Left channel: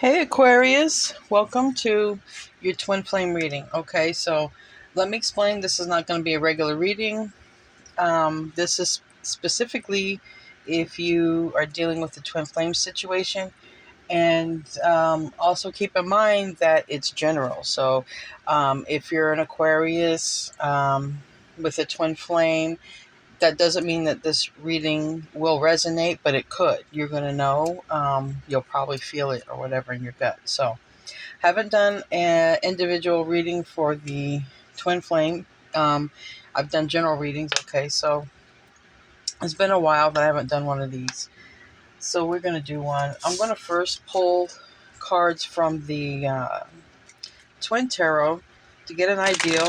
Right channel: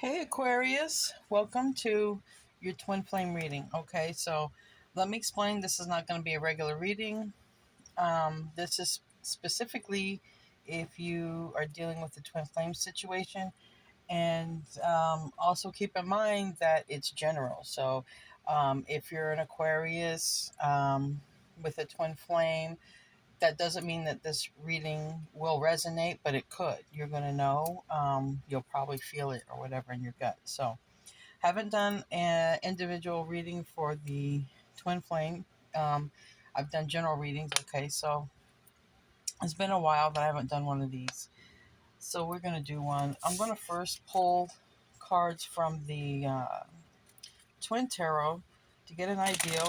Hey Aquarius, welcome to your twin flame reading. Okay, so let me explain. This is not going to be a regular reading. This is specifically if you are dealing with the twin flame situation, and also keep in mind that it's general. So if you're an Aquarius with a twin flame, that doesn't mean that this reading will resonate, but it could. You're going to know. You'll probably feel it or whatever in your gut. So, haven't done an individual reading for the twin flame. I've done general readings. Okay, so it's been a while that I haven't done one of these. So, we're going to do one. I'm going to first pull cards from the twin tarot to get an idea.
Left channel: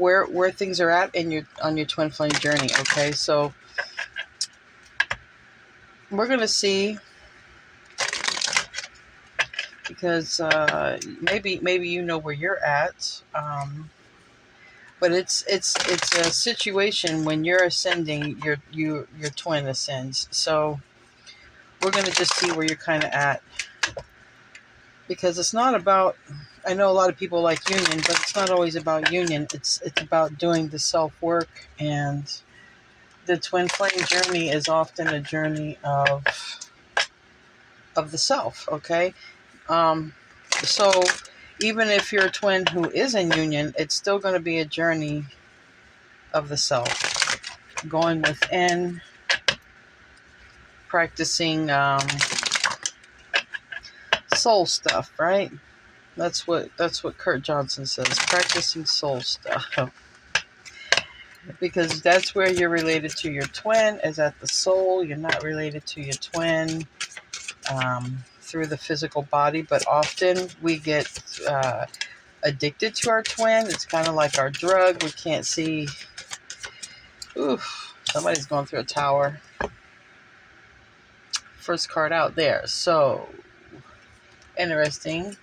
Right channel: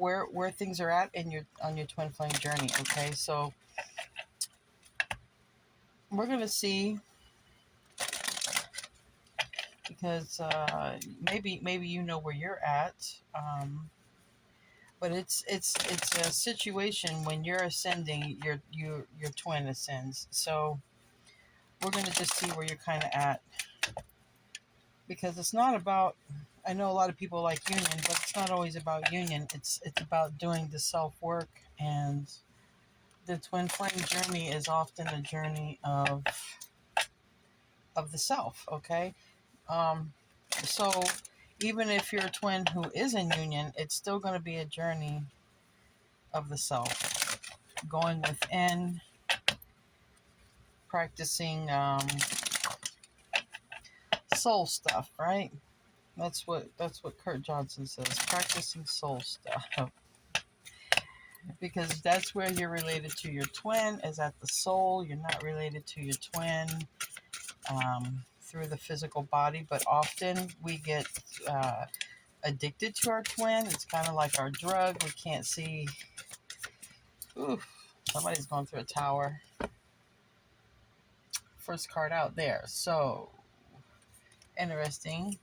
Where things are at in your on your twin flame journey. Okay, so we're gonna see, because maybe you know where you're at, but it's a situation when you're ascending, your twin ascends. So we're gonna just see where you're kind of at, because it's not about. I know a lot of people like union, but it's not always about union. It's about doing the self work, and the twin flame journey is often a journey of the self. Okay, um, so even if you're a twin who is in union, it's still going to be a journey of the self, going within, practicing soul stuff, right? That's what Kurt Johnson says, practicing soul stuff. Because that's where you're related to your twin, is at the soul. You're not related to your twin through the physical body, but often we get addicted to our twin. It's kind of like our drug. We can't see. Oof, somebody's going through a tower. First card out there. So interesting.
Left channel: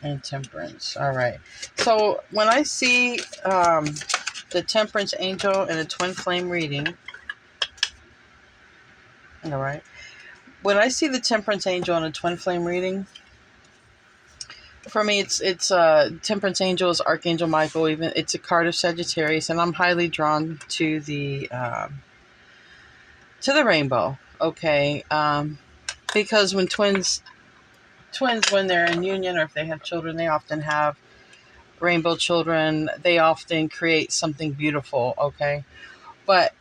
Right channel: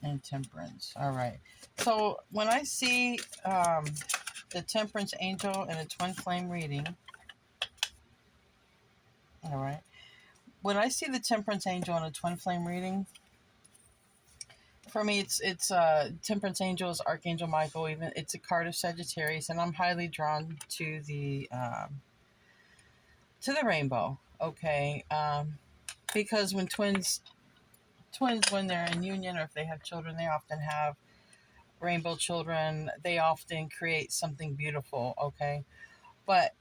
And Temperance. All right. So when I see the Temperance Angel in a twin flame reading, all right. When I see the Temperance Angel in a twin flame reading, for me, it's Temperance Angel is Archangel Michael. Even it's a card of Sagittarius, and I'm highly drawn to the rainbow. Okay, because when twins when they're in union, or if they have children, they often have rainbow children. They often create something beautiful. Okay, but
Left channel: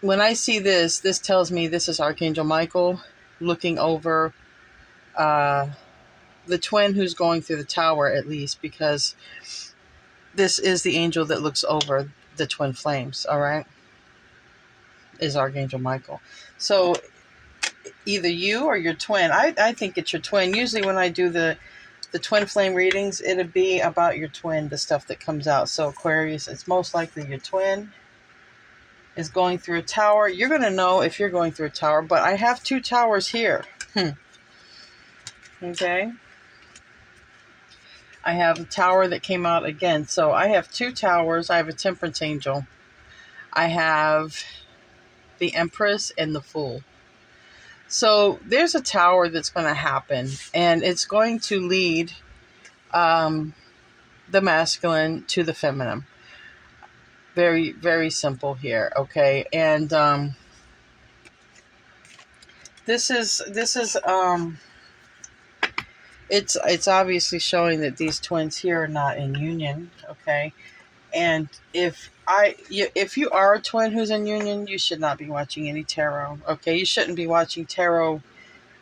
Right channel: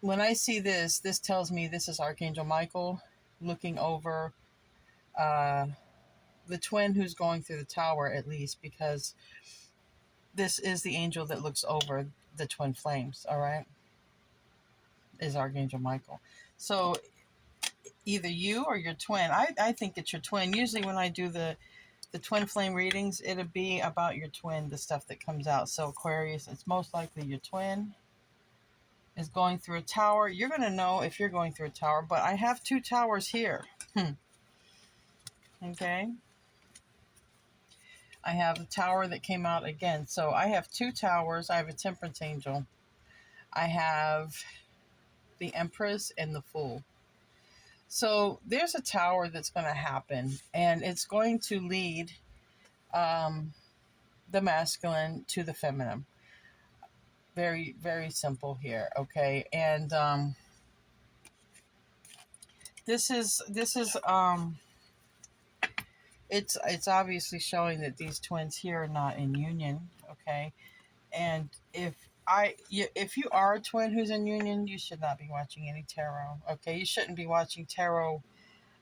when I see this tells me this is Archangel Michael looking over the twin who's going through the tower, at least, because this is the angel that looks over the twin flames. All right, is Archangel Michael. So either you or your twin. I think it's your twin. Usually when I do the twin flame readings, it'll be about your twin, the stuff that comes out. So Aquarius, it's most likely your twin is going through a tower. You're going to know if you're going through a tower, but I have two towers here. Okay. I have a tower that came out again. So I have two towers. I have a Temperance Angel. I have the Empress and the Fool. So there's a tower that's going to happen, and it's going to lead the masculine to the feminine. Very, very simple here. Okay. And this is it's obviously showing that these twins here are not in union. Okay. And if you are a twin who's in union, you should not be watching any tarot. Okay, you shouldn't be watching tarot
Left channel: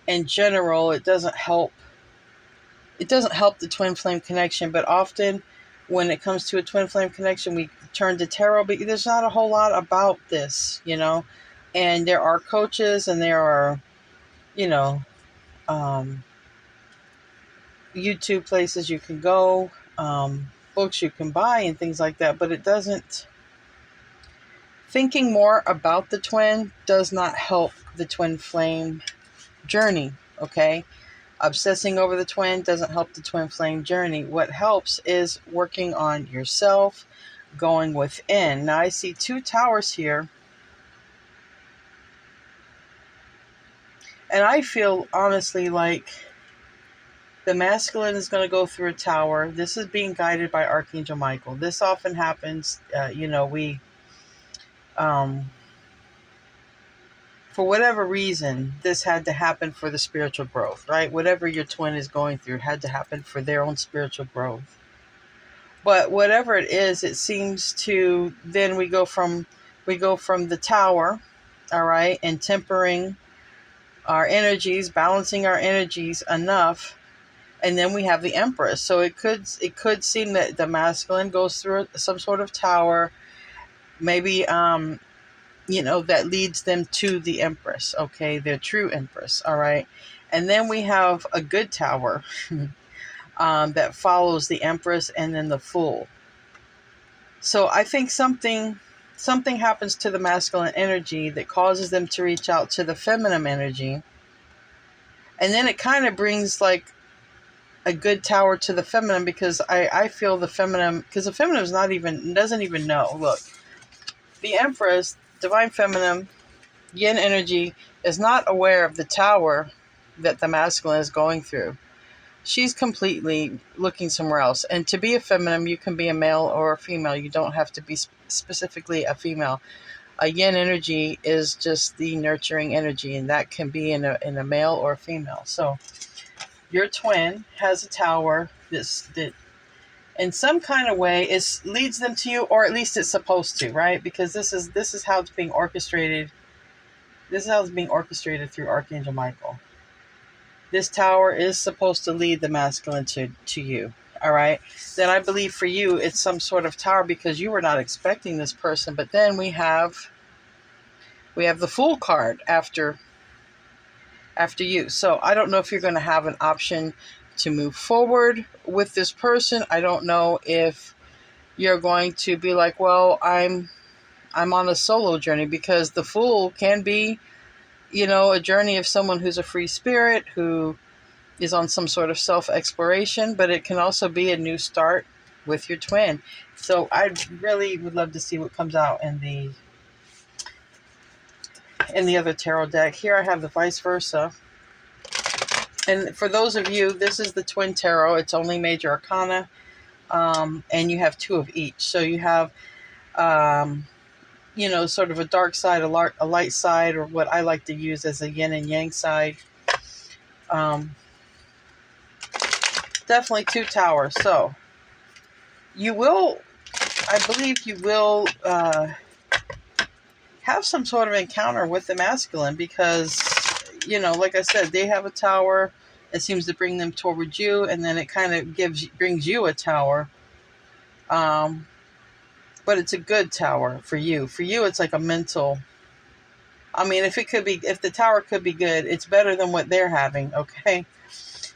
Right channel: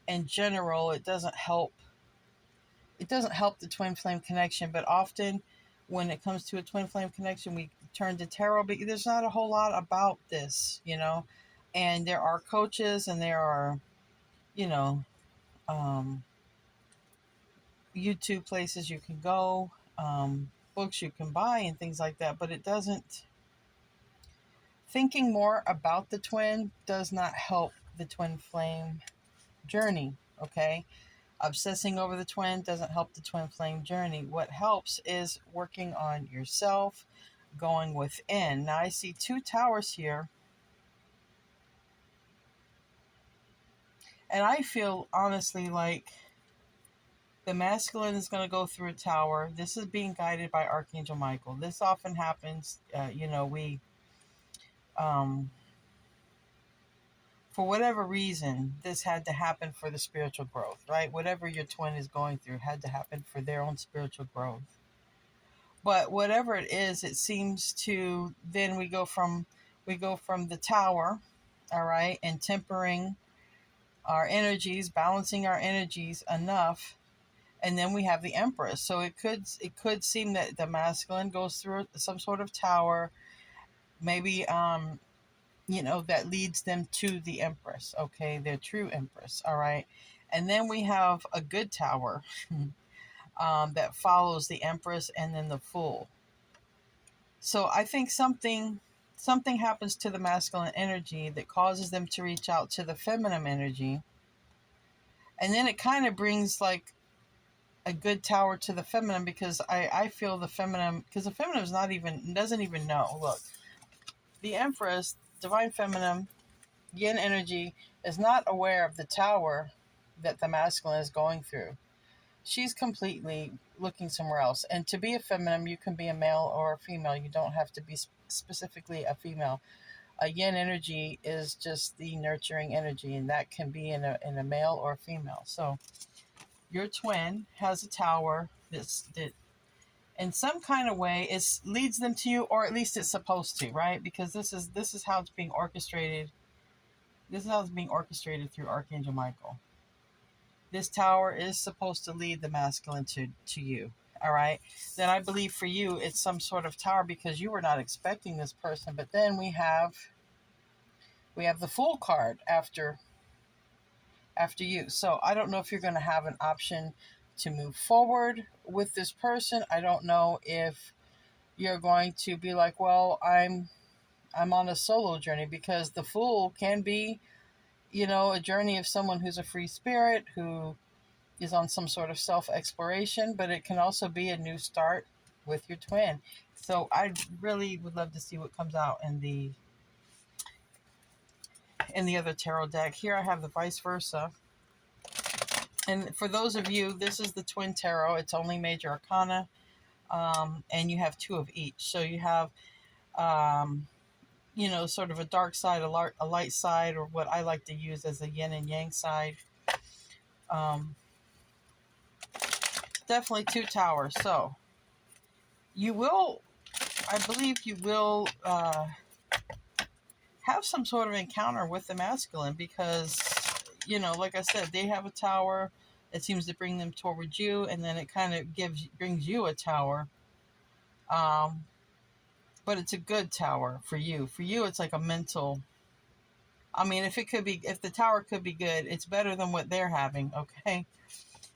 in general. It doesn't help the twin flame connection. But often when it comes to a twin flame connection, we turn to tarot, but there's not a whole lot about this, and there are coaches, and there are um, YouTube places you can go, books you can buy, and things like that. But it doesn't. Thinking more about the twin does not help the twin flame journey. Okay, obsessing over the twin doesn't help the twin flame journey. What helps is working on yourself, going within. Now I see two towers here, And I feel honestly like the masculine is going to go through a tower. This is being guided by Archangel Michael. This often happens. Um, for whatever reason, this had to happen for the spiritual growth, right? Whatever your twin is going through had to happen for their own spiritual growth. But whatever it is, it seems to then we go from the tower, all right, and tempering our energies, balancing our energies enough, and then we have the Empress. So it could seem that the masculine goes through some sort of tower, maybe that leads them to the Empress, okay, their true Empress, all right. And then we have a good tower that follows the Empress and then the Fool. So I think something happens to the masculine energy that causes them to reach out to the feminine energy, and then it kind of brings like a good tower to the feminine, because I feel the feminine, because the feminine doesn't even know. Look, the Empress, divine feminine, yin energy, is not aware of the tower that the masculine is going through. She's completely looking somewhere else. And to be a feminine, you can be a male or a female. You don't have to be specifically a female. A yin energy is just the nurturing energy, and that can be in a male or a female. So your twin has a tower that in some kind of way leads them to you, or at least it's supposed to, right? Because this is how it's being orchestrated. This is how it's being orchestrated through Archangel Michael. This tower is supposed to lead the masculine to you. All right. Then I believe for you, it's some sort of tower because you were not expecting this person. But then we have the Fool card after you. So I don't know if you're going to have an option to move forward with this person. I don't know if you're going to be like, well, I'm on a solo journey, because the Fool can be, a journey of someone who's a free spirit, who is on some sort of self-exploration, but it can also be a new start with your twin. So I really would love to see what comes out in the other tarot deck. Here I have the vice versa. And for those of you, this is the twin tarot. It's only major arcana, and you have two of each. So you have, sort of a dark side, a light side, or what I like to use as a yin and yang side. Definitely two towers. So I believe you will have some sort of encounter with the masculine, because, like I said, they have a tower. It seems to bring them towards you, and then it kind of brings you a tower. But it's a good tower for you. For you, it's like a mental. I mean, if the tower could be good, it's better than what they're having. Okay,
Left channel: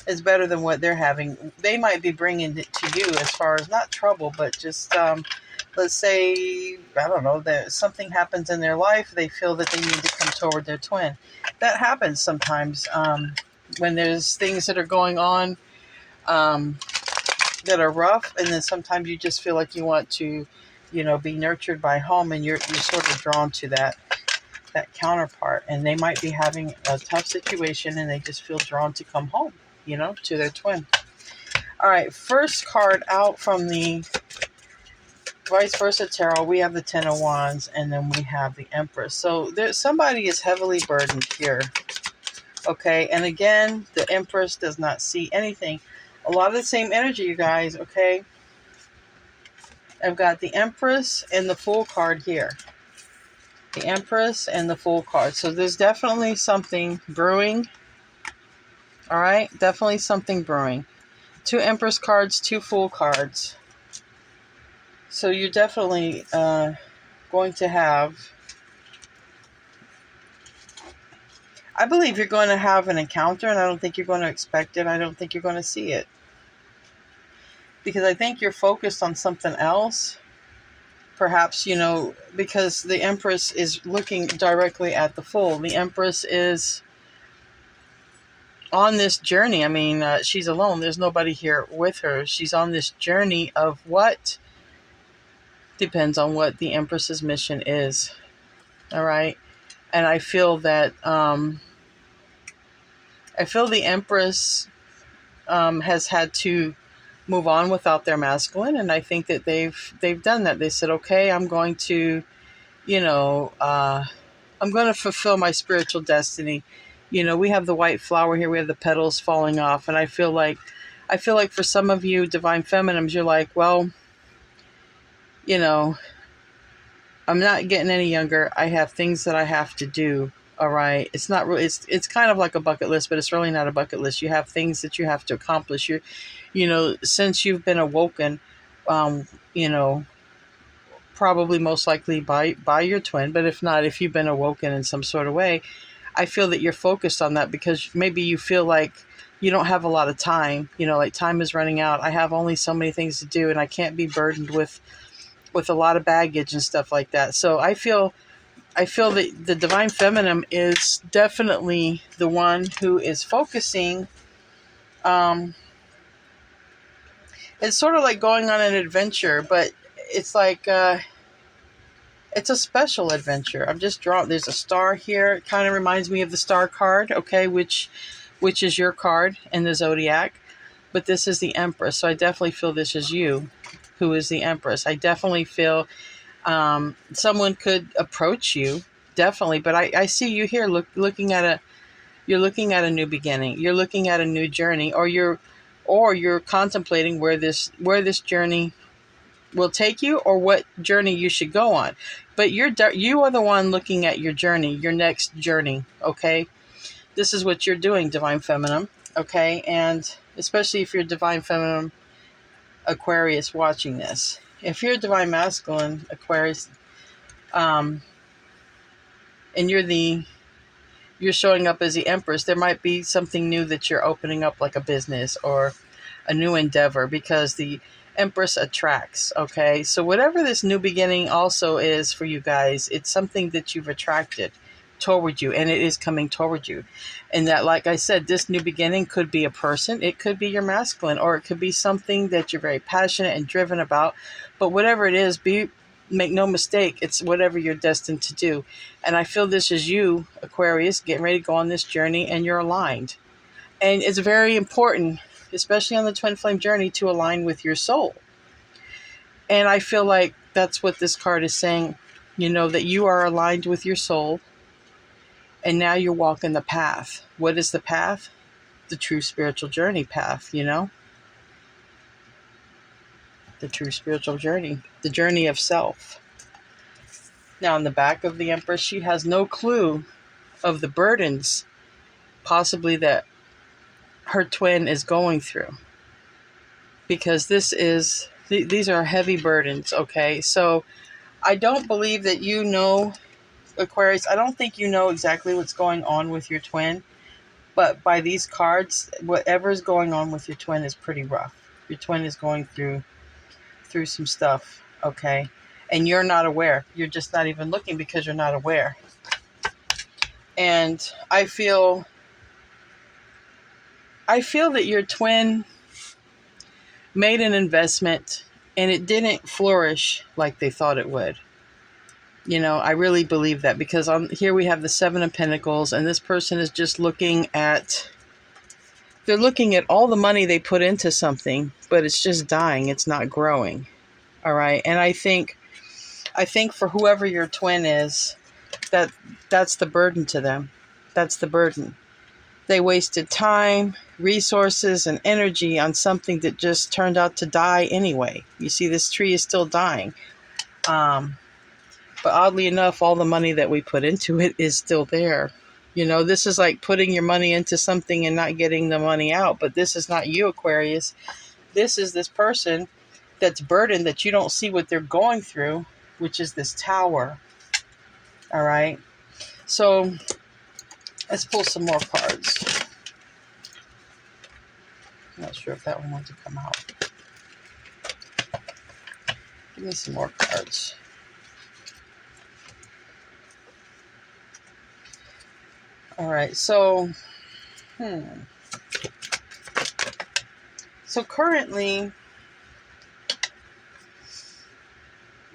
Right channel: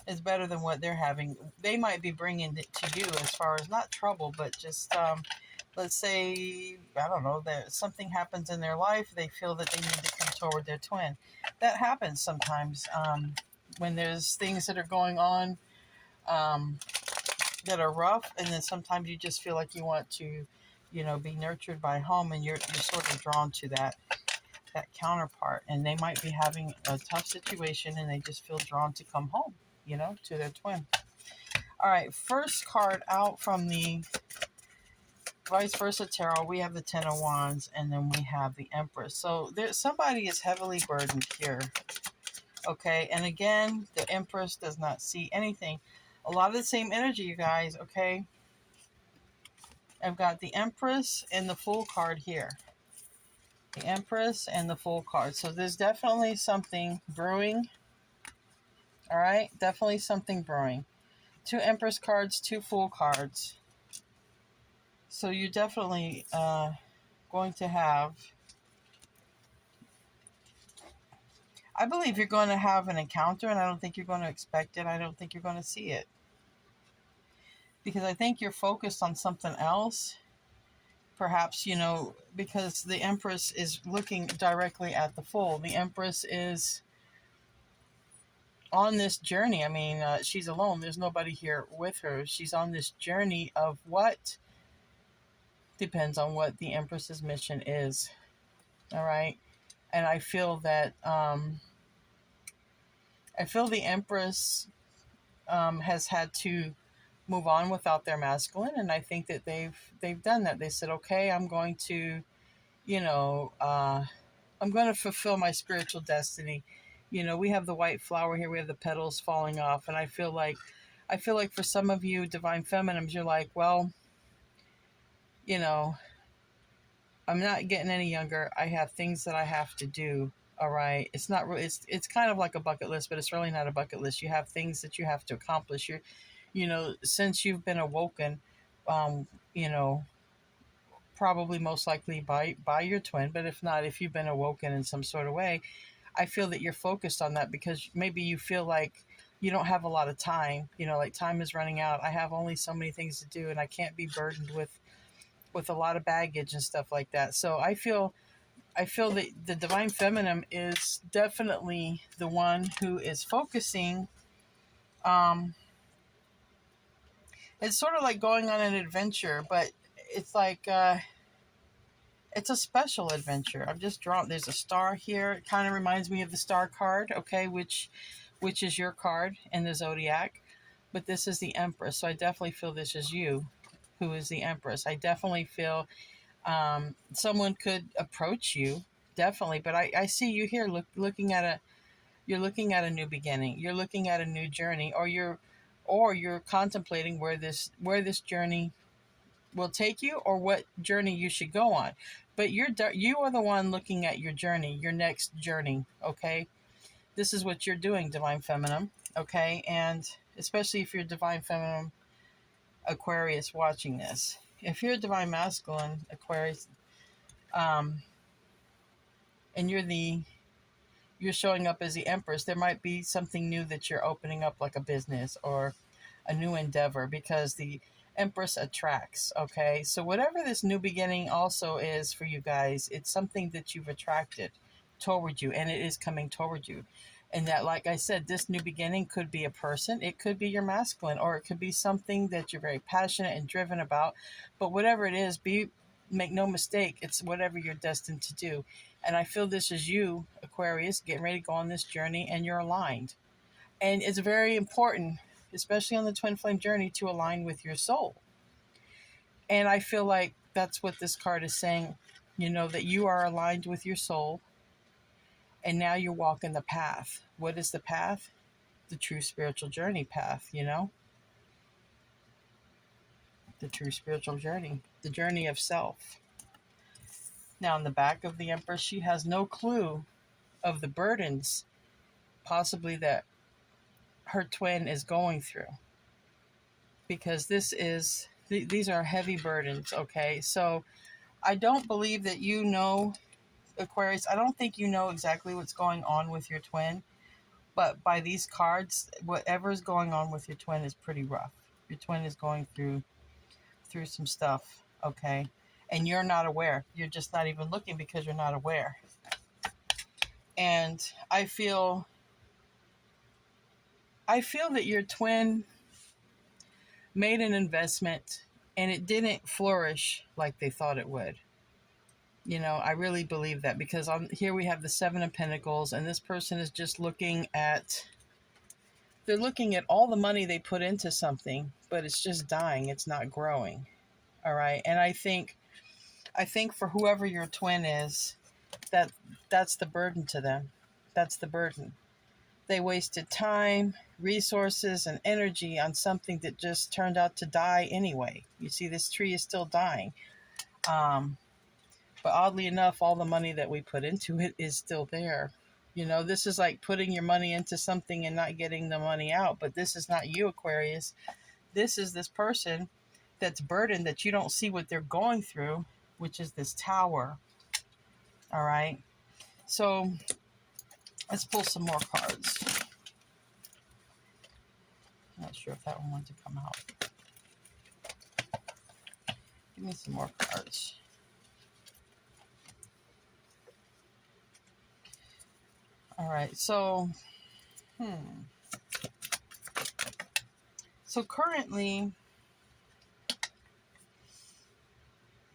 it's better than what they're having. They might be bringing it to you as far as not trouble, but just let's say, I don't know, that something happens in their life. They feel that they need to come toward their twin. That happens sometimes when there's things that are going on that are rough, and then sometimes you just feel like you want to, be nurtured by home, and you're sort of drawn to that counterpart, and they might be having a tough situation, and they just feel drawn to come home, to their twin. All right, first card out from the vice versa tarot, we have the Ten of Wands, and then we have the Empress. So somebody is heavily burdened here. Okay, and again, the Empress does not see anything. A lot of the same energy, you guys, okay? I've got the Empress and the Fool card here. The Empress and the Fool card. So there's definitely something brewing. All right, definitely something brewing. Two Empress cards, two Fool cards. So you're definitely going to have, I believe you're going to have an encounter, and I don't think you're going to expect it. I don't think you're going to see it. Because I think you're focused on something else. Perhaps, because the Empress is looking directly at the Fool. The Empress is on this journey. I mean, she's alone. There's nobody here with her. She's on this journey of what? Depends on what the Empress's mission is. All right. And I feel that I feel the Empress has had to move on without their masculine, and I think that they've done that. They said, okay, I'm going to, you know, I'm going to fulfill my spiritual destiny. You know, we have the white flower here, we have the petals falling off, and I feel like for some of you divine feminines, you're like, well, you know, I'm not getting any younger. I have things that I have to do. All right. It's not really, it's kind of like a bucket list, but it's really not a bucket list. You have things that you have to accomplish. You know, since you've been awoken, you know, probably most likely by your twin, but if not, if you've been awoken in some sort of way, I feel that you're focused on that because maybe you feel like you don't have a lot of time, you know, like time is running out. I have only so many things to do and I can't be burdened with a lot of baggage and stuff like that. So I feel that the divine feminine is definitely the one who is focusing. um it's sort of like going on an adventure, but it's like it's a special adventure. I'm just drawing, there's a star here. It kind of reminds me of the star card, okay, which is your card in the zodiac. But this is the Empress, so I definitely feel this is you who is the Empress. I definitely feel someone could approach you, definitely, but I see you here looking at you're looking at a new beginning, you're looking at a new journey, or you're contemplating where this journey will take you, or what journey you should go on. But you are the one looking at your journey, your next journey, okay? This is what you're doing, divine feminine, okay? And especially if you're divine feminine Aquarius watching this. If you're divine masculine Aquarius, and you're showing up as the Empress, there might be something new that you're opening up, like a business or a new endeavor, because the Empress attracts, okay? So whatever this new beginning also is for you guys, it's something that you've attracted toward you, and it is coming toward you. And that, like I said, this new beginning could be a person, it could be your masculine, or it could be something that you're very passionate and driven about. But whatever it is, make no mistake, it's whatever you're destined to do. And I feel this is you, Aquarius, getting ready to go on this journey, and you're aligned. And it's very important, especially on the twin flame journey, to align with your soul. And I feel like that's what this card is saying, you know, that you are aligned with your soul, and now you're walking the path. What is the path? The true spiritual journey path, you know? The true spiritual journey, the journey of self. Now, on the back of the Empress, she has no clue of the burdens possibly that her twin is going through, because these are heavy burdens, okay? So I don't believe that you know, Aquarius, I don't think you know exactly what's going on with your twin, but by these cards, whatever's going on with your twin is pretty rough. Your twin is going through some stuff, okay? And you're not aware. You're just not even looking because you're not aware. And I feel that your twin made an investment and it didn't flourish like they thought it would. You know, I really believe that, because here we have the Seven of Pentacles, and this person is just they're looking at all the money they put into something, but it's just dying. It's not growing. All right. And I think for whoever your twin is, that's the burden to them. That's the burden. They wasted time, resources, and energy on something that just turned out to die anyway. You see, this tree is still dying. But oddly enough, all the money that we put into it is still there. You know, this is like putting your money into something and not getting the money out. But this is not you, Aquarius. This is this person that's burdened, that you don't see what they're going through, which is this Tower. All right. So let's pull some more cards. I'm not sure if that one wants to come out. Give me some more cards. All right. So, So currently,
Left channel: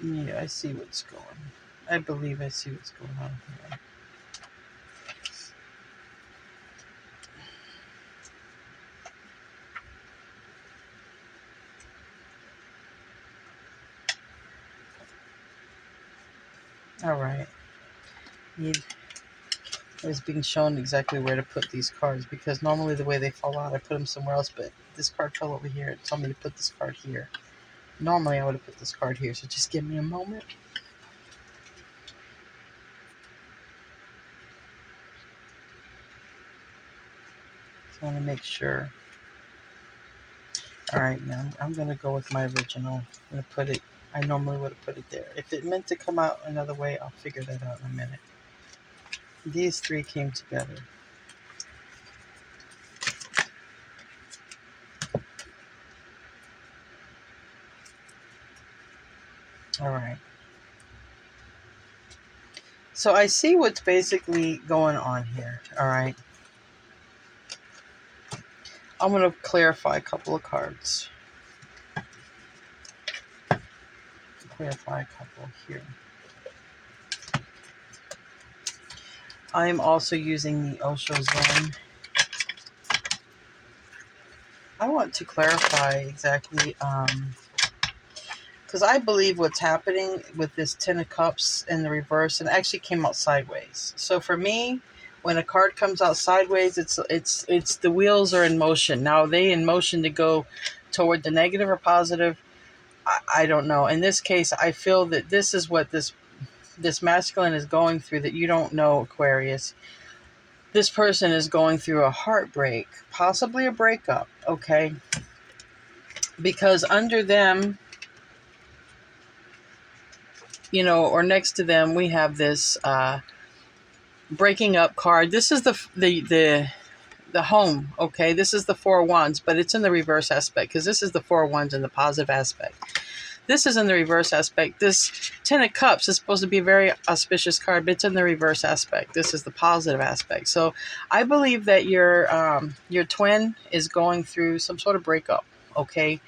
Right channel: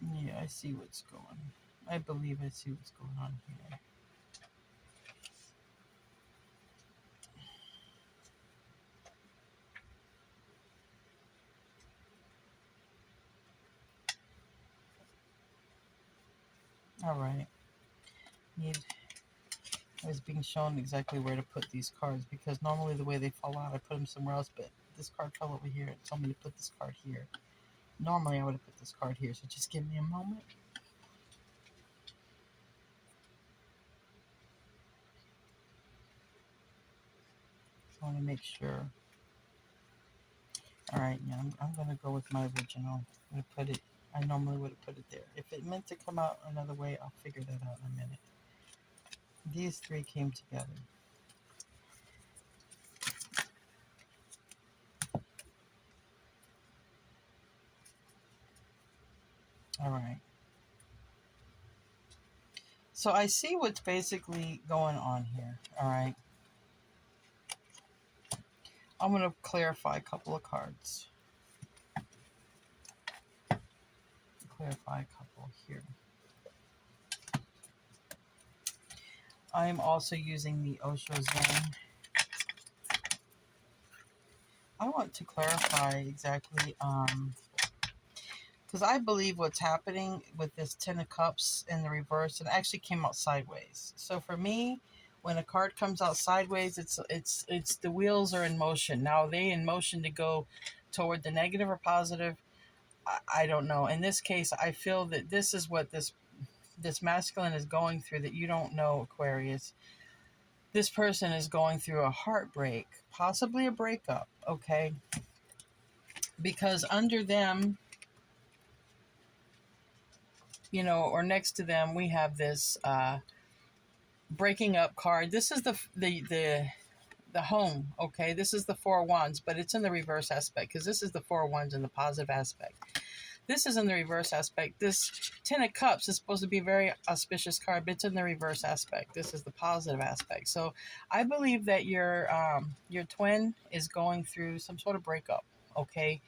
yeah, I see what's going on. I believe I see what's going on here. All right. I was being shown exactly where to put these cards, because normally the way they fall out, I put them somewhere else, but this card fell over here. It told me to put this card here. Normally I would have put this card here, so just give me a moment. I want to make sure. All right, now I'm going to go with my original. I'm going to put it, I normally would have put it there. If it meant to come out another way, I'll figure that out in a minute. These three came together. All right. So I see what's basically going on here. All right. I'm going to clarify a couple of cards. Clarify a couple here. I am also using the Osho Zen. I want to clarify exactly, because I believe what's happening with this Ten of Cups in the reverse, and it actually came out sideways. So for me, when a card comes out sideways, it's the wheels are in motion. Now, are they in motion to go toward the negative or positive? I don't know. In this case, I feel that this is what this masculine is going through that you don't know, Aquarius. This person is going through a heartbreak, possibly a breakup, okay? Because under them, you know, or next to them, we have this breaking up card. This is the home, okay? This is the Four of Wands, but it's in the reverse aspect, because this is the Four of Wands in the positive aspect. This is in the reverse aspect. This Ten of Cups is supposed to be a very auspicious card, but it's in the reverse aspect. This is the positive aspect. So I believe that your twin is going through some sort of breakup, okay?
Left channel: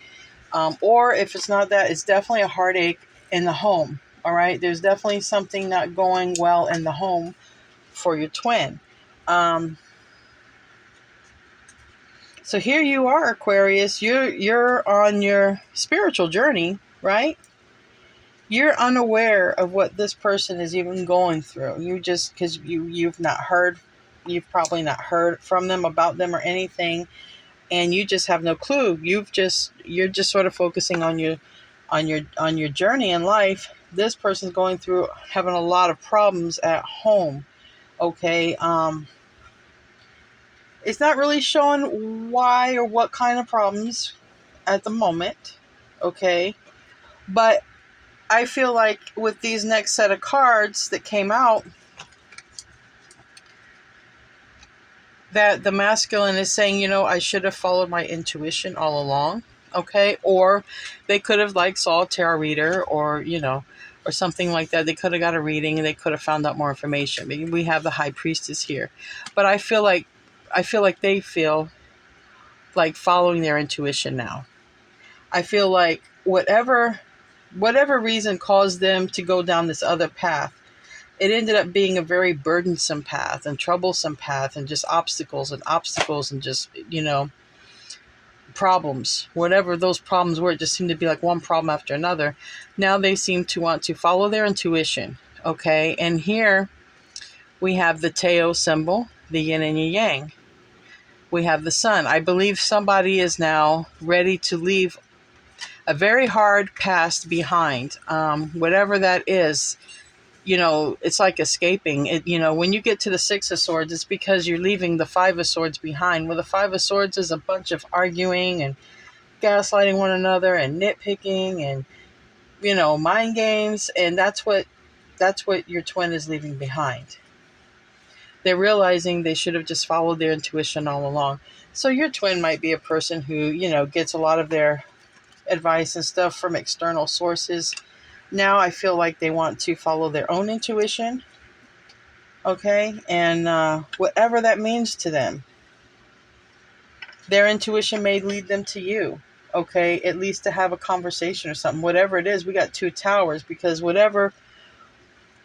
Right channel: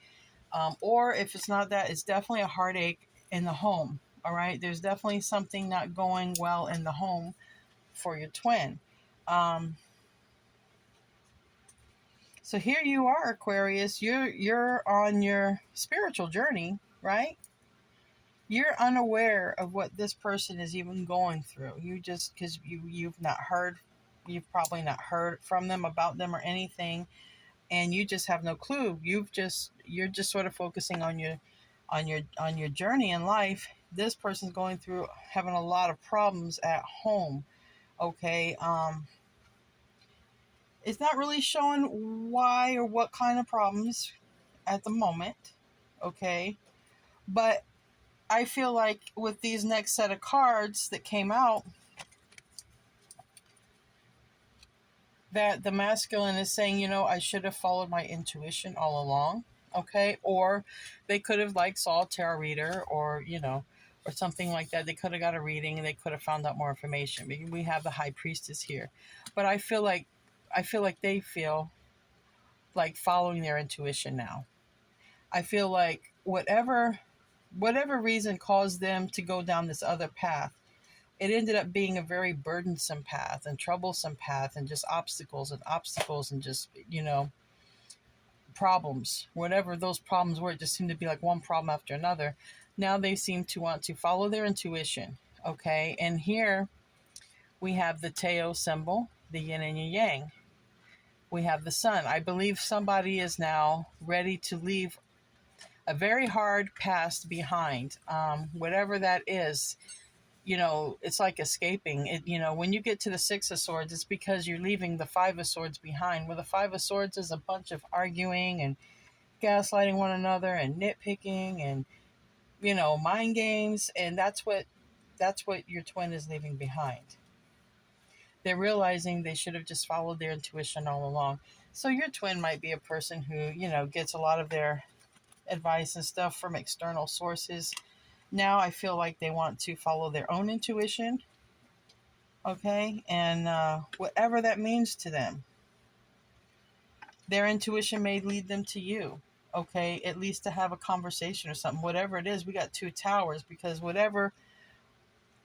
Or if it's not that, it's definitely a heartache in the home, all right? There's definitely something not going well in the home for your twin. So here you are, Aquarius. You're on your spiritual journey, right? You're unaware of what this person is even going through. You just, because you've probably not heard from them, about them, or anything, and you just have no clue. You're just sort of focusing on your journey in life. This person's going through, having a lot of problems at home. Okay, it's not really showing why or what kind of problems at the moment. Okay, but I feel like with these next set of cards that came out, that the masculine is saying, you know, I should have followed my intuition all along, okay? Or they could have, like, saw a tarot reader, or, you know, or something like that. They could have got a reading, and they could have found out more information. Maybe we have the High Priestess here. But I feel like they feel like following their intuition now. I feel like whatever reason caused them to go down this other path, it ended up being a very burdensome path and troublesome path, and just obstacles and just, you know, problems. Whatever those problems were, it just seemed to be like one problem after another. Now they seem to want to follow their intuition, okay? And here we have the Tao symbol, the yin and the yang. We have the sun. I believe somebody is now ready to leave a very hard past behind. Whatever that is, you know, it's like escaping it. You know, when you get to the Six of Swords, it's because you're leaving the Five of Swords behind. Well, the Five of Swords is a bunch of arguing and gaslighting one another and nitpicking and, you know, mind games. And that's what your twin is leaving behind. They're realizing they should have just followed their intuition all along. So your twin might be a person who, you know, gets a lot of their advice and stuff from external sources. Now I feel like they want to follow their own intuition, okay? And whatever that means to them, their intuition may lead them to you, okay? At least to have a conversation or something. Whatever it is, we got two towers, because whatever,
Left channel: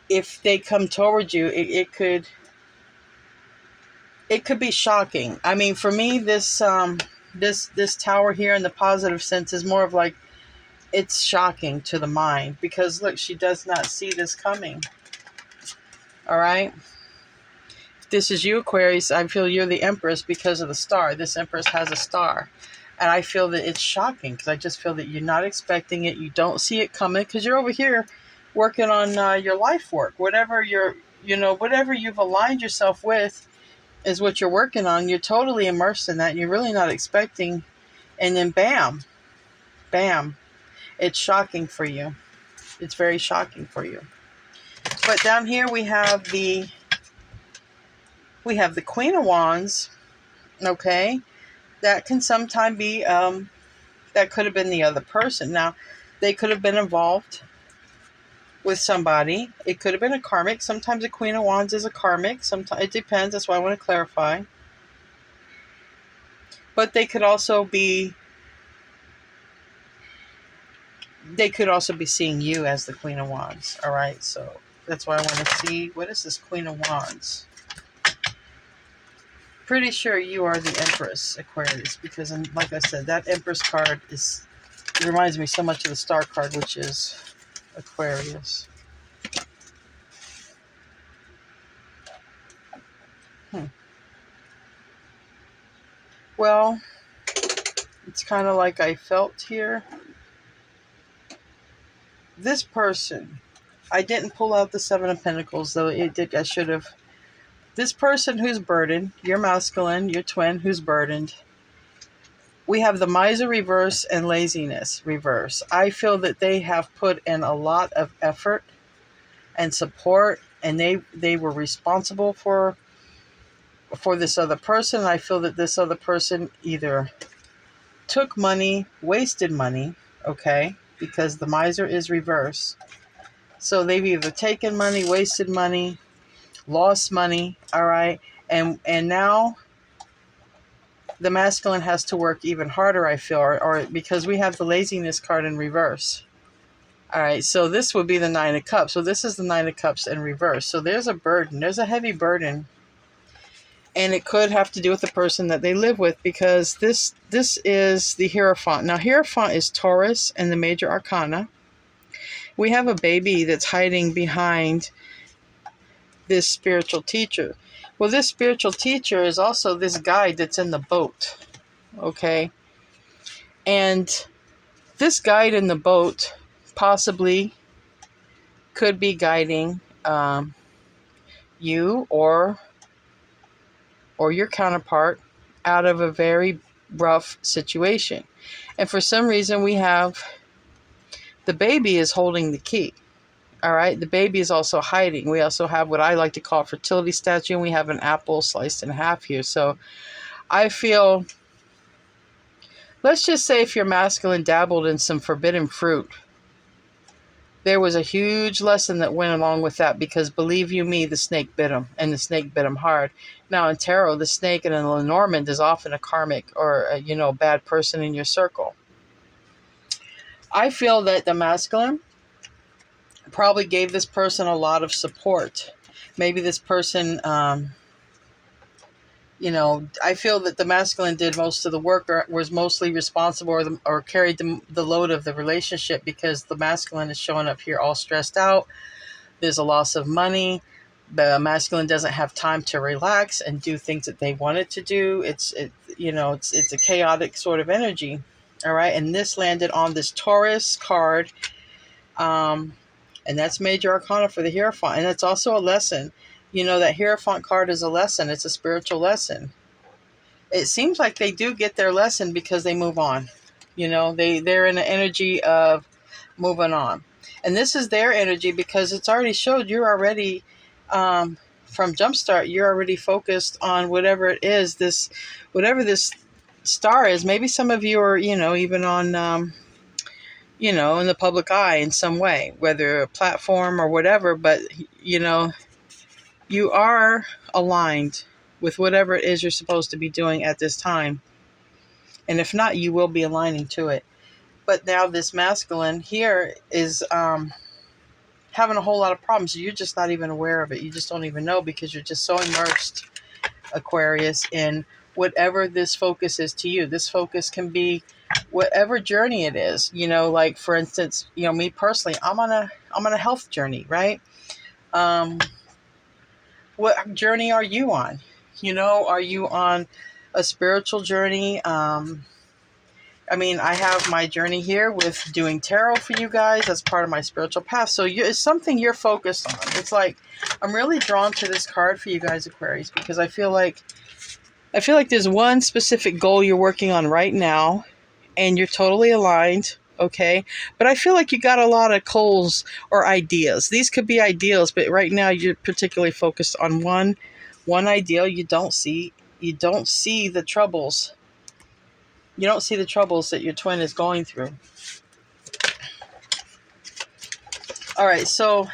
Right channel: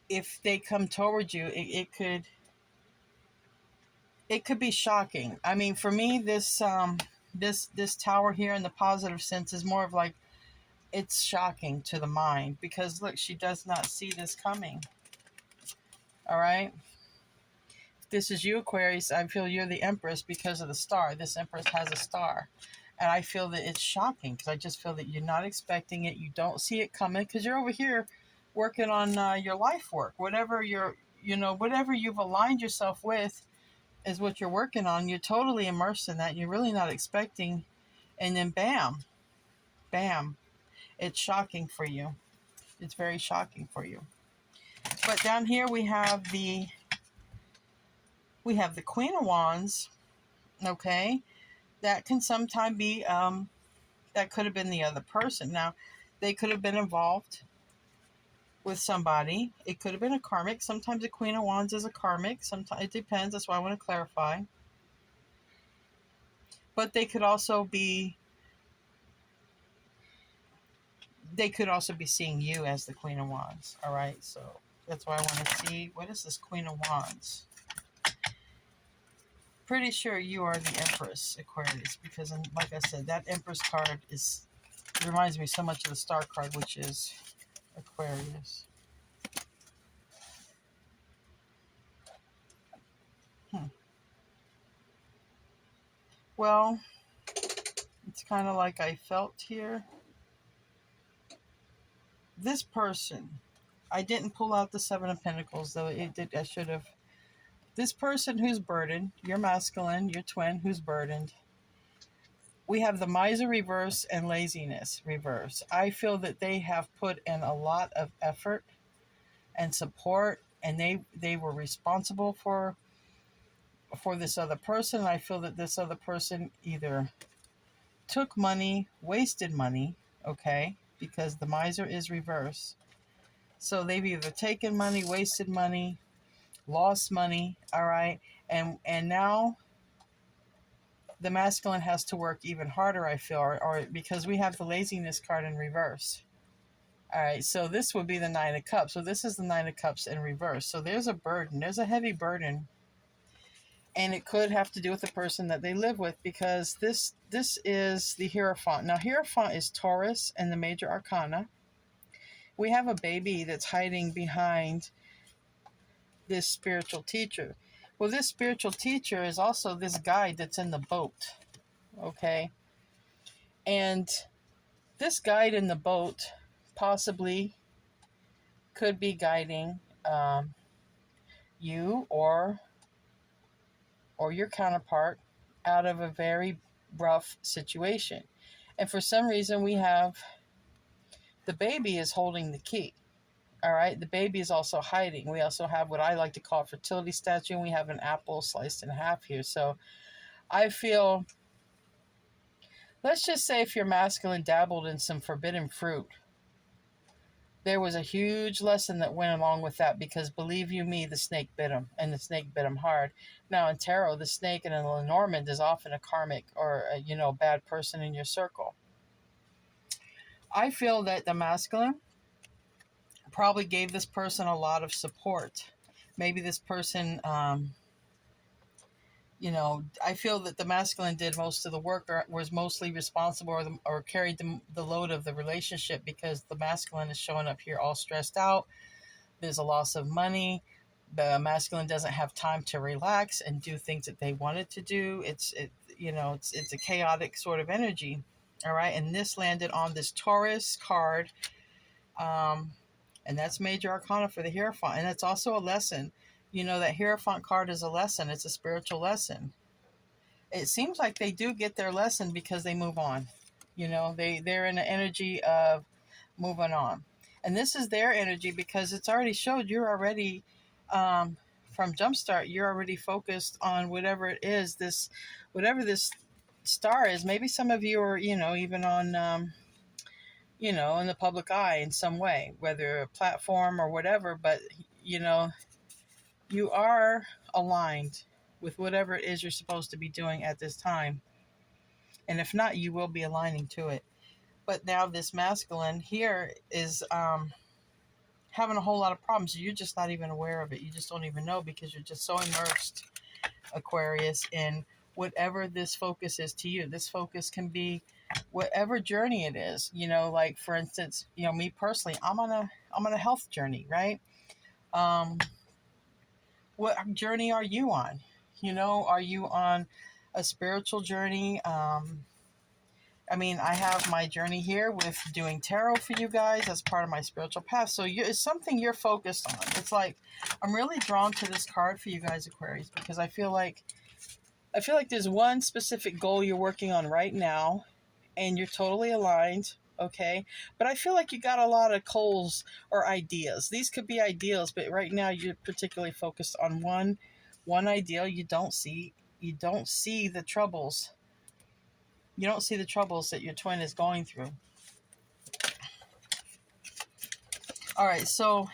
if they come towards you, it could be shocking. I mean, for me, this tower here in the positive sense is more of like, it's shocking to the mind, because look, she does not see this coming. All right. If this is you, Aquarius, I feel you're the Empress because of the star. This Empress has a star. And I feel that it's shocking because I just feel that you're not expecting it. You don't see it coming because you're over here working on your life work. Whatever whatever you've aligned yourself with is what you're working on. You're totally immersed in that. And you're really not expecting. And then bam, bam. It's shocking for you. It's very shocking for you. But down here we have the Queen of Wands. Okay. That can sometimes be that could have been the other person. Now, they could have been involved with somebody. It could have been a karmic. Sometimes a Queen of Wands is a karmic. Sometimes it depends. That's why I want to clarify. But they could also be seeing you as the Queen of Wands. All right. So that's why I want to see, what is this Queen of Wands? Pretty sure you are the Empress, Aquarius, because like I said, that Empress card reminds me so much of the Star card, which is Aquarius. Well, it's kind of like I felt here. This person, I didn't pull out the Seven of Pentacles, though it did. I should have. This person who's burdened, your masculine, your twin who's burdened. We have the miser reverse and laziness reverse. I feel that they have put in a lot of effort and support, and they were responsible for this other person. I feel that this other person either took money, wasted money, okay, because the miser is reverse. So they've either taken money, wasted money, lost money, all right, and now the masculine has to work even harder, I feel, or because we have the laziness card in reverse. All right, so this would be the Nine of Cups. So this is the Nine of Cups in reverse. So there's a burden. There's a heavy burden. And it could have to do with the person that they live with, because this is the Hierophant. Now, Hierophant is Taurus and the major arcana. We have a baby that's hiding behind this spiritual teacher. Well, this spiritual teacher is also this guide that's in the boat, okay? And this guide in the boat possibly could be guiding you or your counterpart out of a very rough situation. And for some reason, we have the baby is holding the key. All right. The baby is also hiding. We also have what I like to call a fertility statue, and we have an apple sliced in half here. So I feel, let's just say if your masculine dabbled in some forbidden fruit, there was a huge lesson that went along with that, because believe you me, the snake bit him, and the snake bit him hard. Now in tarot, the snake in a Lenormand is often a karmic or a bad person in your circle. I feel that the masculine probably gave this person a lot of support. Maybe this person, I feel that the masculine did most of the work, or was mostly responsible, or carried the load of the relationship, because the masculine is showing up here all stressed out. There's a loss of money. The masculine doesn't have time to relax and do things that they wanted to do. It's a chaotic sort of energy. All right. And this landed on this Taurus card. And that's major arcana for the Hierophant. And it's also a lesson. That Hierophant card is a lesson. It's a spiritual lesson. It seems like they do get their lesson because they move on. They're in the energy of moving on. And this is their energy because it's already showed you're already, from Jumpstart, you're already focused on whatever it is, whatever this star is. Maybe some of you are, even on, in the public eye in some way, whether a platform or whatever, but, you are aligned with whatever it is you're supposed to be doing at this time. And if not, you will be aligning to it. But now this masculine here is having a whole lot of problems. You're just not even aware of it. You just don't even know, because you're just so immersed, Aquarius, in whatever this focus is to you. This focus can be whatever journey it is. Like for instance, me personally, I'm on a health journey, right? What journey are you on? You know, are you on a spiritual journey? I mean, I have my journey here with doing tarot for you guys as part of my spiritual path. So it's something you're focused on. It's like, I'm really drawn to this card for you guys, Aquarius, because I feel like there's one specific goal you're working on right now, and you're totally aligned, okay? But I feel like you got a lot of goals or ideas. These could be ideals, but right now you're particularly focused on one ideal. You don't see the troubles. You don't see the troubles that your twin is going through. All right, so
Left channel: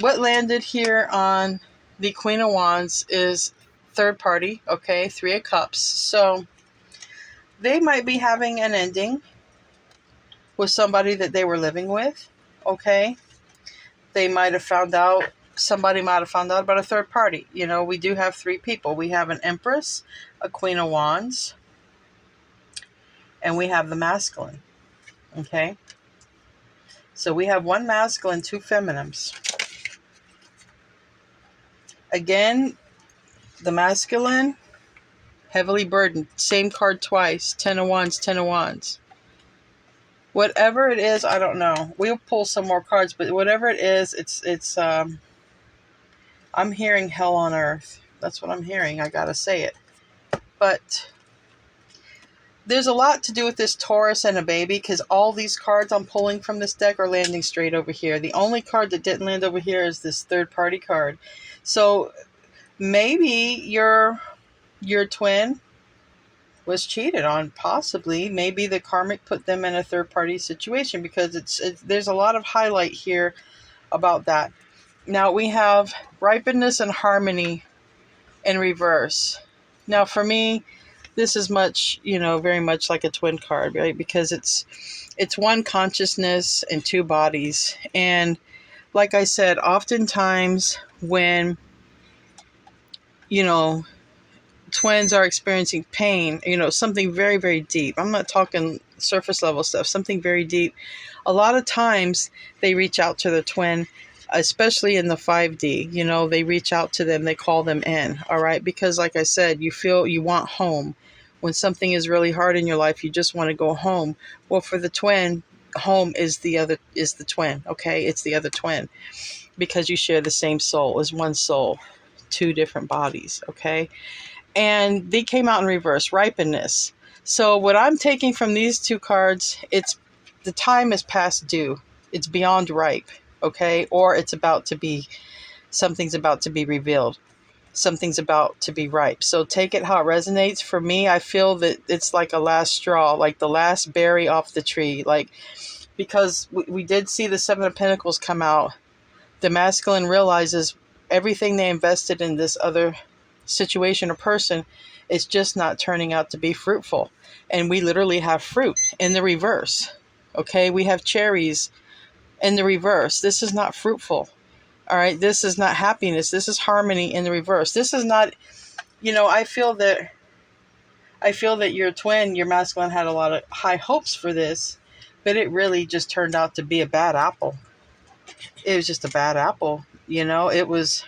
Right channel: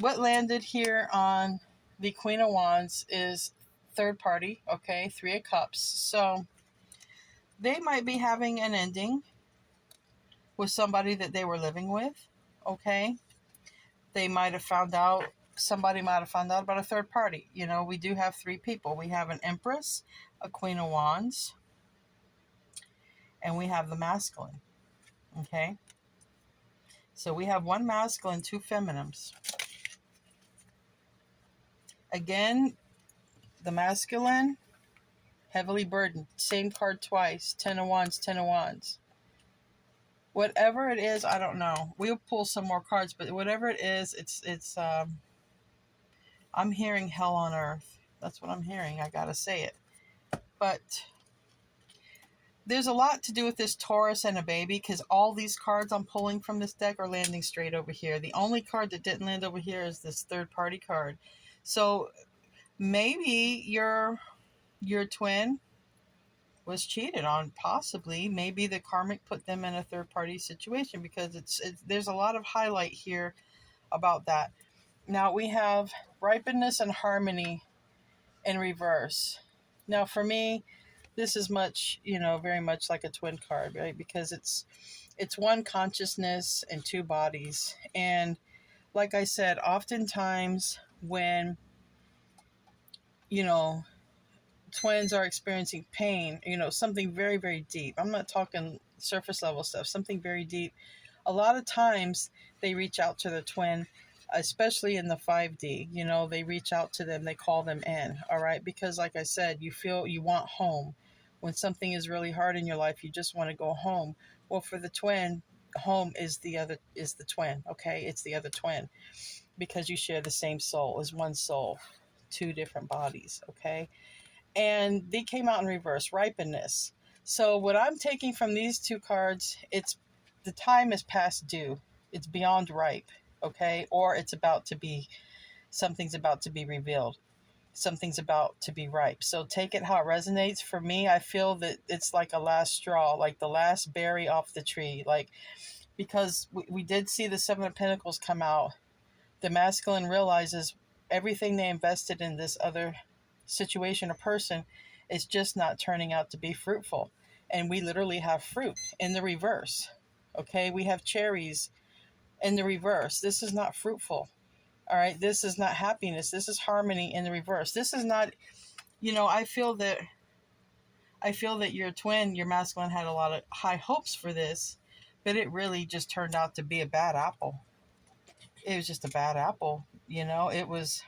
what landed here on the Queen of Wands is third party, okay? Three of Cups. So they might be having an ending with somebody that they were living with, okay? Somebody might have found out about a third party. You know, we do have three people. We have an Empress, a Queen of Wands, and we have the masculine, okay? So we have one masculine, two feminines. Again, the masculine, heavily burdened. Same card twice. 10 of Wands, 10 of Wands. Whatever it is, I don't know. We'll pull some more cards, but whatever it is, it's I'm hearing hell on earth. That's what I'm hearing. I gotta say it. But there's a lot to do with this Taurus and a baby, because all these cards I'm pulling from this deck are landing straight over here. The only card that didn't land over here is this third party card. So maybe your twin was cheated on, possibly. Maybe the karmic put them in a third party situation, because there's a lot of highlight here about that. Now we have Ripeness and Harmony in reverse. Now for me, this is much, very much like a twin card, right? Because it's one consciousness and two bodies. And like I said, oftentimes when, twins are experiencing pain, something very, very deep. I'm not talking surface level stuff, something very deep. A lot of times they reach out to their twin, especially in the 5D, they reach out to them, they call them in, all right? Because like I said, you feel you want home. When something is really hard in your life, you just want to go home. Well, for the twin, home is the twin, okay? It's the other twin, because you share the same soul, is one soul, two different bodies, okay? And they came out in reverse, Ripeness. So what I'm taking from these two cards, it's the time is past due. It's beyond ripe, okay? Or something's about to be revealed. Something's about to be ripe. So take it how it resonates. For me, I feel that it's like a last straw, like the last berry off the tree. Like, because we did see the Seven of Pentacles come out. The masculine realizes everything they invested in this other situation or person is just not turning out to be fruitful. And we literally have fruit in the reverse. Okay, we have cherries in the reverse. This is not fruitful. All right, this is not happiness. This is harmony in the reverse. This is not, I feel that your twin, your masculine, had a lot of high hopes for this, but it really just turned out to be a bad apple. It was just a bad apple. It was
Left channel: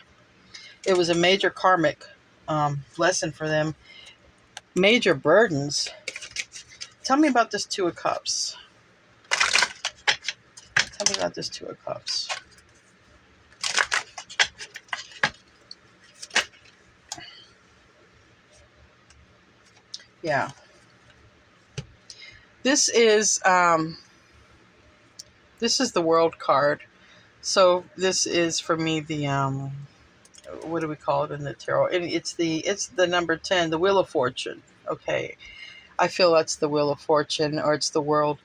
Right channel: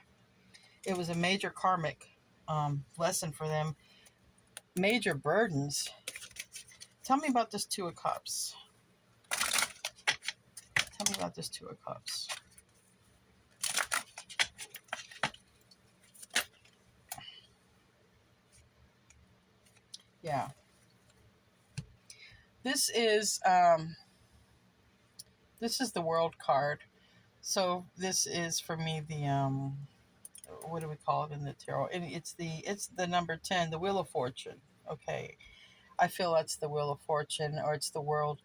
a major karmic lesson for them. Major burdens. Tell me about this Two of Cups. Tell me about this Two of Cups. Yeah. This is the World card. So this is for me the what do we call it in the tarot? It's the number 10, the Wheel of Fortune. Okay. I feel that's the Wheel of Fortune, or it's the World.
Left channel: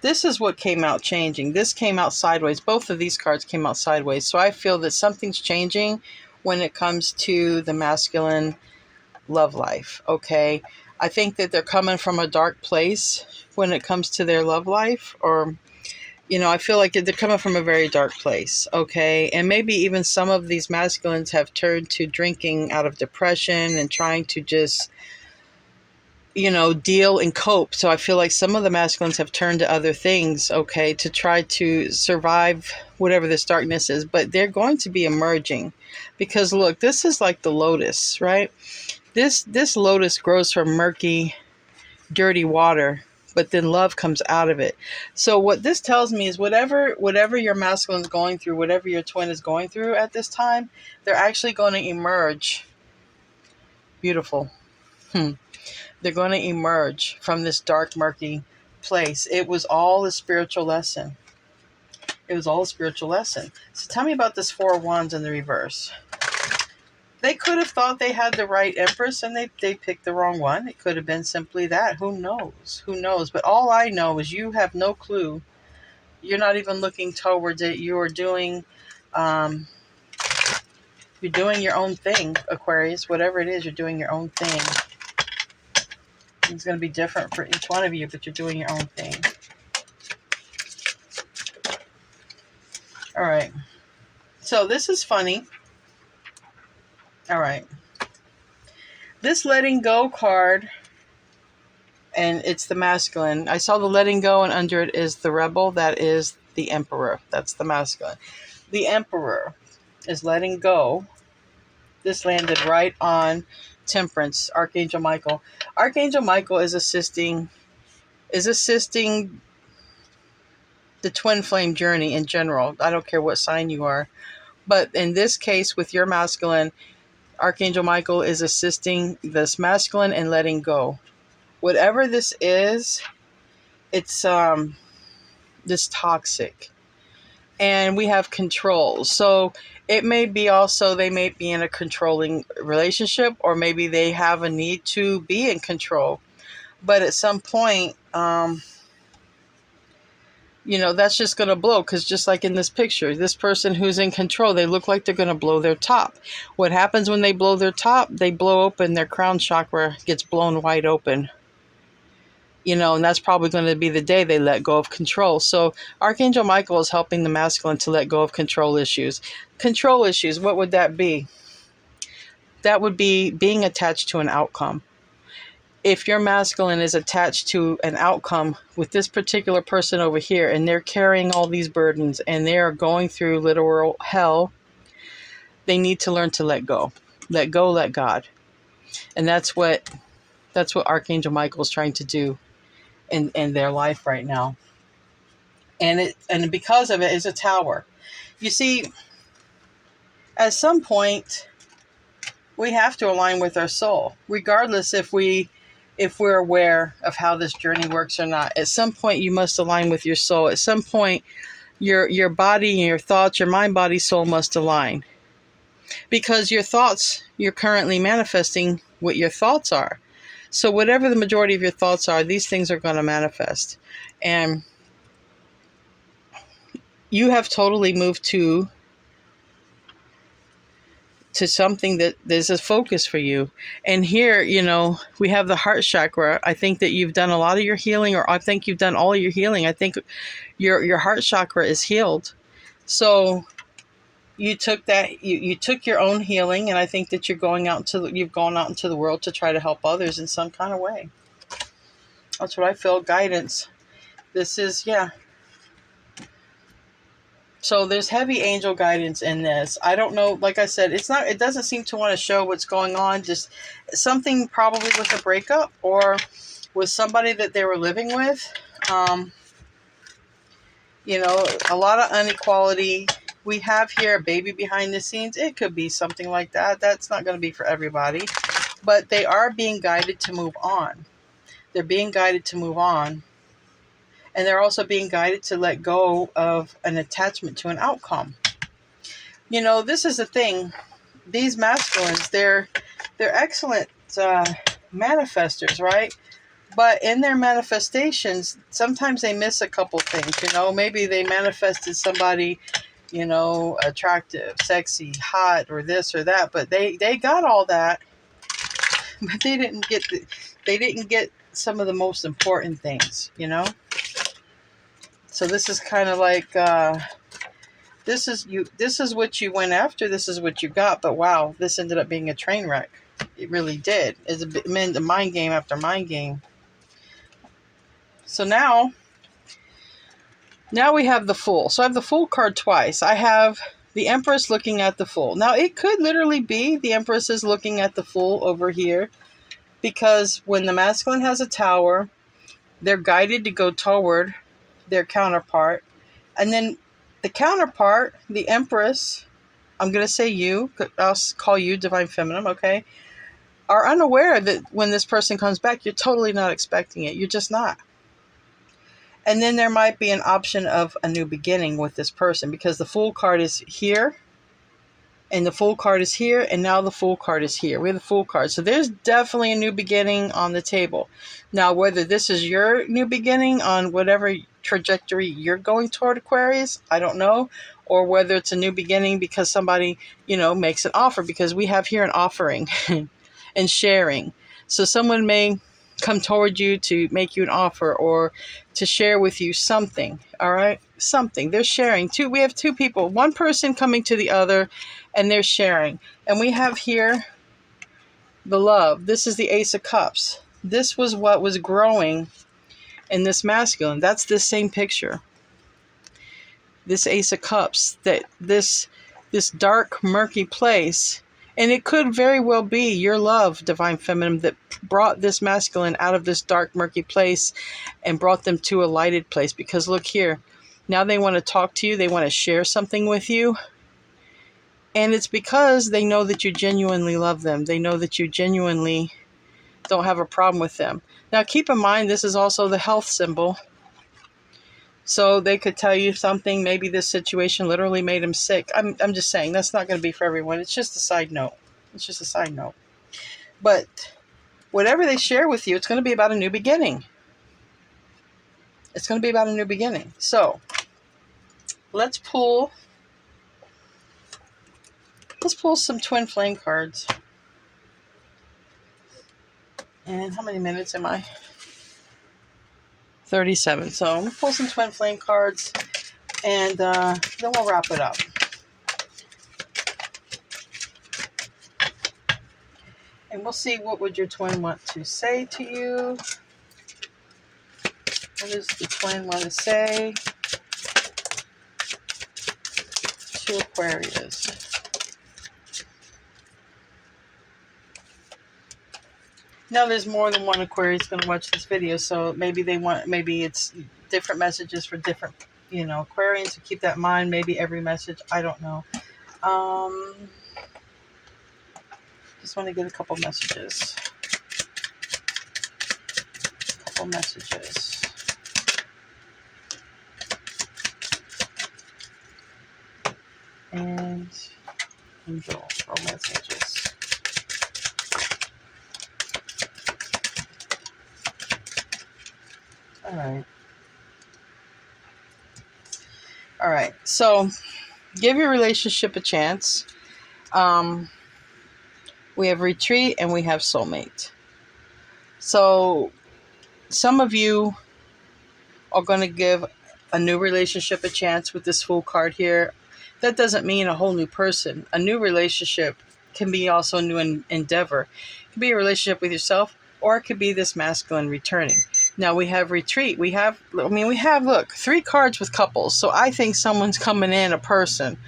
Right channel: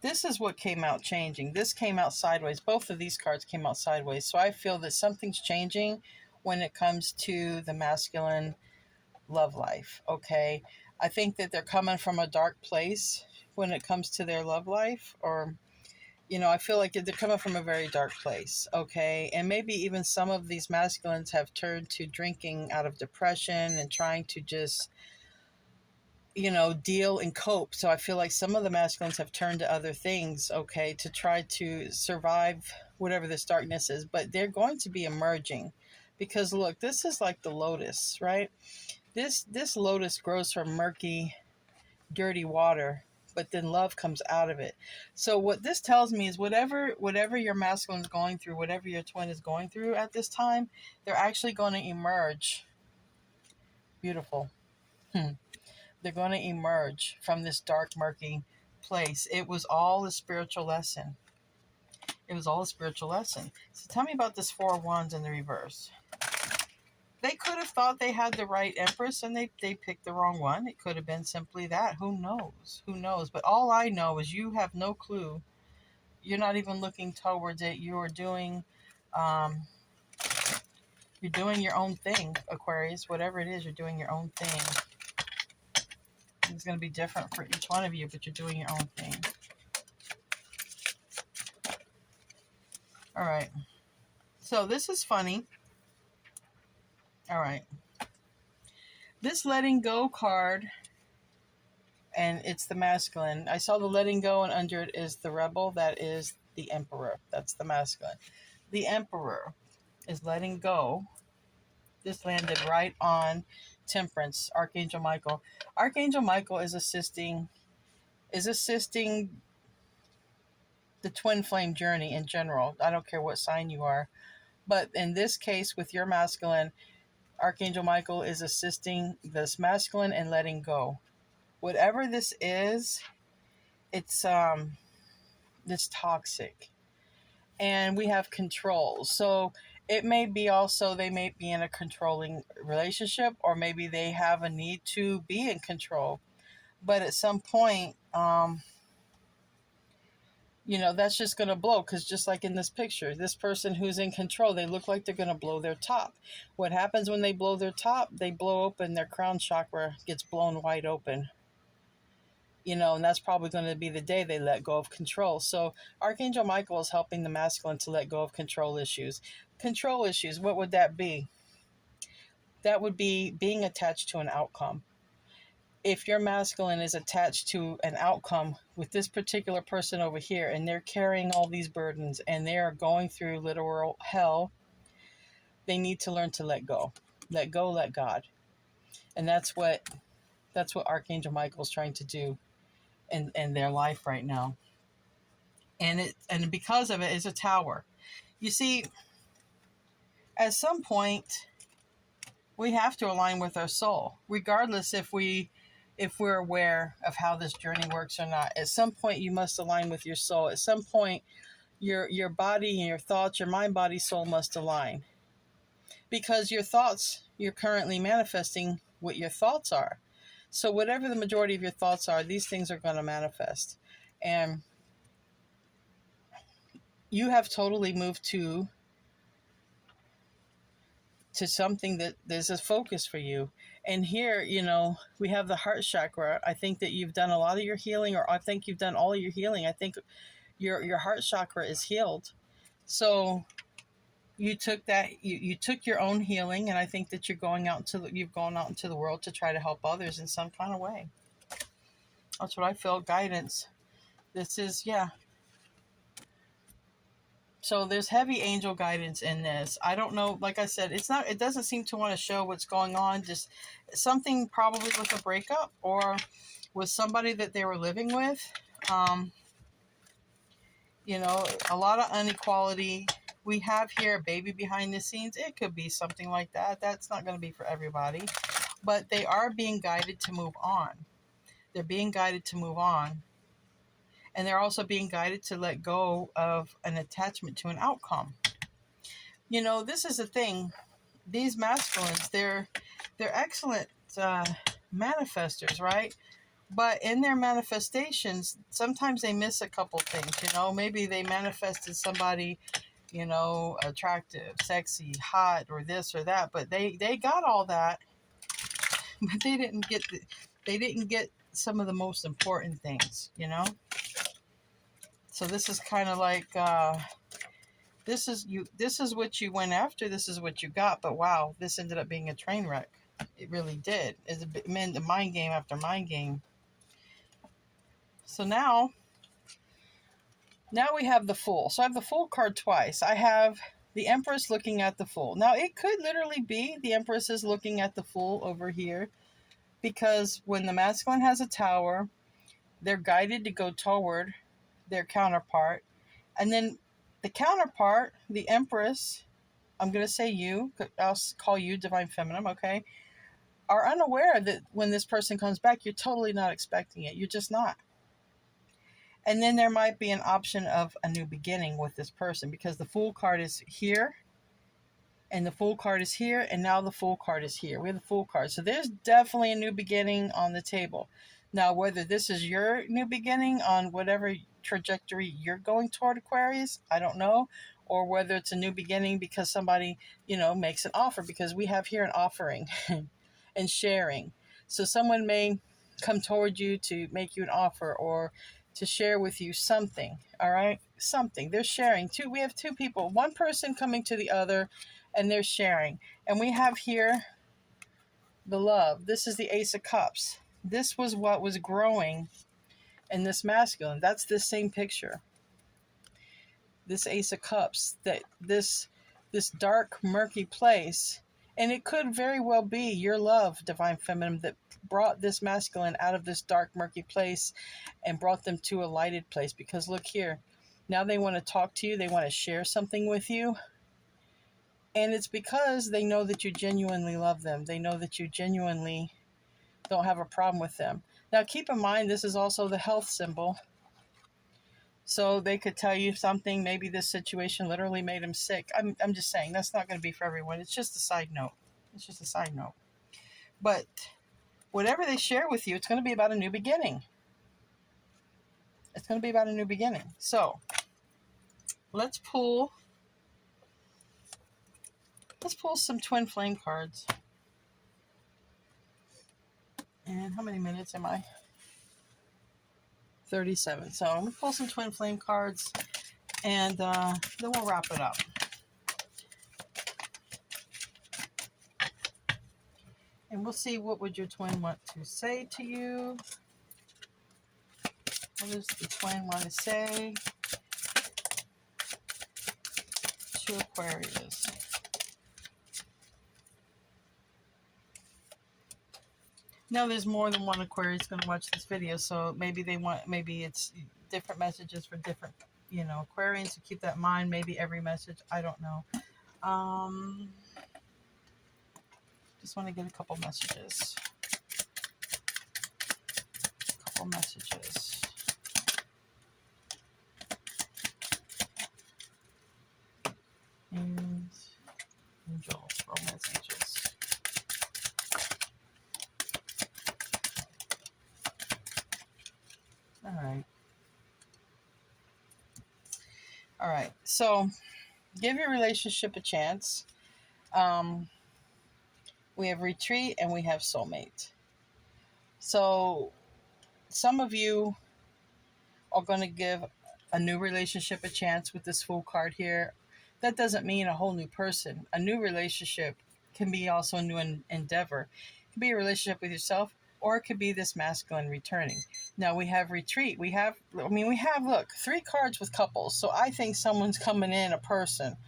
This is what came out changing. This came out sideways. Both of these cards came out sideways. So I feel that something's changing when it comes to the masculine love life, okay? I think that they're coming from a dark place when it comes to their love life, or, I feel like they're coming from a very dark place, okay? And maybe even some of these masculines have turned to drinking out of depression and trying to just deal and cope. So I feel like some of the masculines have turned to other things, okay, to try to survive whatever this darkness is. But they're going to be emerging, because look, this is like the lotus, right? This lotus grows from murky, dirty water, but then love comes out of it. So what this tells me is whatever your masculine is going through, whatever your twin is going through at this time, they're actually going to emerge beautiful. They're going to emerge from this dark, murky place. It was all a spiritual lesson. It was all a spiritual lesson. So tell me about this Four of Wands in the reverse. They could have thought they had the right Empress and they picked the wrong one. It could have been simply that. Who knows? Who knows? But all I know is you have no clue. You're not even looking towards it. You're doing your own thing, Aquarius. Whatever it is, you're doing your own thing. It's going to be different for each one of you, but you're doing your own thing. All right. So this is funny. All right. This letting go card, and it's the masculine. I saw the letting go, and under it is the rebel. That is the emperor. That's the masculine. The emperor is letting go. This landed right on Temperance, Archangel Michael. Archangel Michael is assisting the twin flame journey in general. I don't care what sign you are. But in this case, with your masculine, Archangel Michael is assisting this masculine in letting go. Whatever this is, it's this toxic. And we have control. So it may be also, they may be in a controlling relationship, or maybe they have a need to be in control. But at some point, that's just going to blow, because just like in this picture, this person who's in control, they look like they're going to blow their top. What happens when they blow their top? They blow open, their crown chakra gets blown wide open. And that's probably going to be the day they let go of control. So Archangel Michael is helping the masculine to let go of control issues. Control issues, what would that be? That would be being attached to an outcome. If your masculine is attached to an outcome with this particular person over here, and they're carrying all these burdens and they are going through literal hell, they need to learn to let go. Let go, let God. And that's what Archangel Michael is trying to do in their life right now. And because of it is a tower. You see, at some point, we have to align with our soul, regardless if we're aware of how this journey works or not. At some point, you must align with your soul. At some point, your body and your thoughts, your mind, body, soul must align. Because your thoughts, you're currently manifesting what your thoughts are. So whatever the majority of your thoughts are, these things are going to manifest. And you have totally moved to something that there's a focus for you. And here, we have the heart chakra. I think that you've done a lot of your healing, or I think you've done all of your healing. I think your heart chakra is healed. So you took that, you took your own healing, and I think that you've gone out into the world to try to help others in some kind of way. That's what I feel. Guidance. This is, So there's heavy angel guidance in this. I don't know, like I said, it doesn't seem to want to show what's going on. Just something probably with a breakup, or with somebody that they were living with. A lot of inequality. We have here a baby behind the scenes. It could be something like that. That's not going to be for everybody. But they are being guided to move on. They're being guided to move on. And they're also being guided to let go of an attachment to an outcome. This is the thing. These masculines, they're excellent manifestors, right? But in their manifestations, sometimes they miss a couple things. Maybe they manifested somebody, attractive, sexy, hot, or this or that. But they got all that. But they didn't get some of the most important things, So this is kind of like, this is what you went after, this is what you got, but wow, this ended up being a train wreck. It really did. It's a mind game after mind game. So now we have the Fool. So I have the Fool card twice. I have the Empress looking at the Fool. Now, it could literally be the Empress is looking at the Fool over here, because when the masculine has a Tower, they're guided to go toward their counterpart. And then the counterpart, the Empress, I'm going to say you, I'll call you Divine Feminine, okay, are unaware that when this person comes back, you're totally not expecting it. You're just not. And then there might be an option of a new beginning with this person, because the Fool card is here, and the Fool card is here, and now the Fool card is here. We have the Fool card. So there's definitely a new beginning on the table. Now, whether this is your new beginning on whatever trajectory you're going toward, Aquarius, I don't know. Or whether it's a new beginning because somebody, makes an offer, because we have here an offering and sharing. So someone may come toward you to make you an offer or to share with you something. All right, something they're sharing. We have two people, one person coming to the other, and they're sharing. And we have here the Love. This is the Ace of Cups. This was what was growing in this masculine. That's the same picture. This Ace of Cups, that this dark, murky place. And it could very well be your love, Divine Feminine, that brought this masculine out of this dark, murky place and brought them to a lighted place. Because look here, now they want to talk to you. They want to share something with you. And it's because they know that you genuinely love them. They know that you genuinely don't have a problem with them. Now, keep in mind, this is also the health symbol. So they could tell you something. Maybe this situation literally made him sick. I'm just saying, that's not going to be for everyone. It's just a side note. It's just a side note. But whatever they share with you, it's going to be about a new beginning. It's going to be about a new beginning. So let's pull some twin flame cards. And how many minutes am I? 37. So I'm going to pull some twin flame cards, and then we'll wrap it up. And we'll see, what would your twin want to say to you? What does the twin want to say to Aquarius? Now, there's more than one Aquarius going to watch this video, so maybe it's different messages for different, Aquarians. So keep that in mind. Maybe every message, I don't know. Just want to get a couple messages. And angel messages. All right. So give your relationship a chance. We have retreat and we have soulmate. So some of you are going to give a new relationship a chance with this Fool card here. That doesn't mean a whole new person. A new relationship can be also a new endeavor. It could be a relationship with yourself, or it could be this masculine returning. Now we have retreat. We have, look, 3 cards with couples. So I think someone's coming in, a person.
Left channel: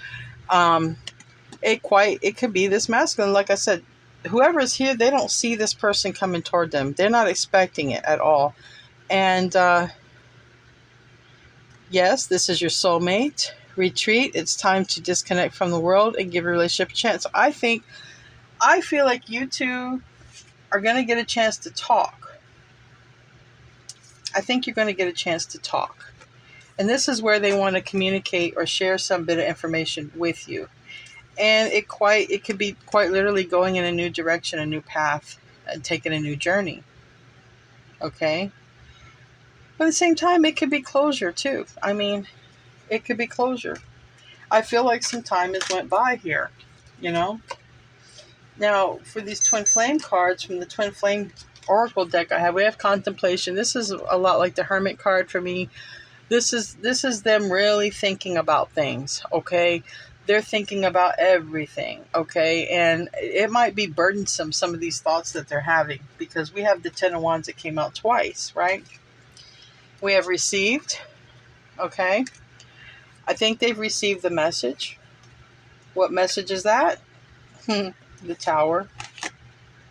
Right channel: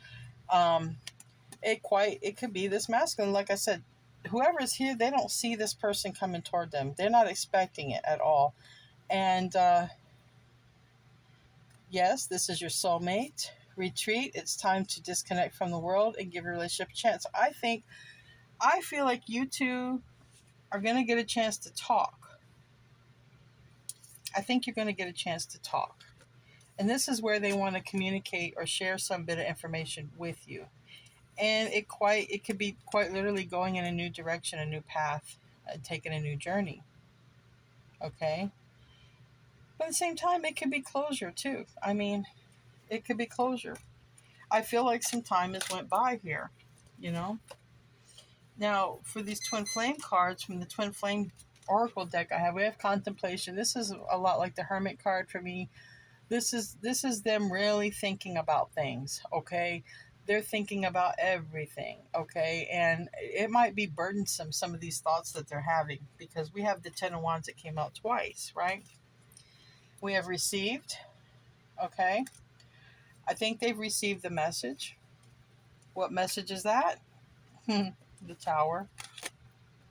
It could be this masculine. Like I said, whoever is here, they don't see this person coming toward them. They're not expecting it at all. And yes, this is your soulmate. Retreat. It's time to disconnect from the world and give your relationship a chance. So I feel like you two are going to get a chance to talk. I think you're going to get a chance to talk. And this is where they want to communicate or share some bit of information with you. And it could be quite literally going in a new direction, a new path, and taking a new journey. Okay? But at the same time, it could be closure too. It could be closure. I feel like some time has went by here, Now, for these twin flame cards from the twin flame oracle deck we have Contemplation. This is a lot like the Hermit card for me. This is them really thinking about things, okay? They're thinking about everything, okay? And it might be burdensome, some of these thoughts that they're having, because we have the Ten of Wands that came out twice, right? We have received, okay? I think they've received the message. What message is that? The Tower.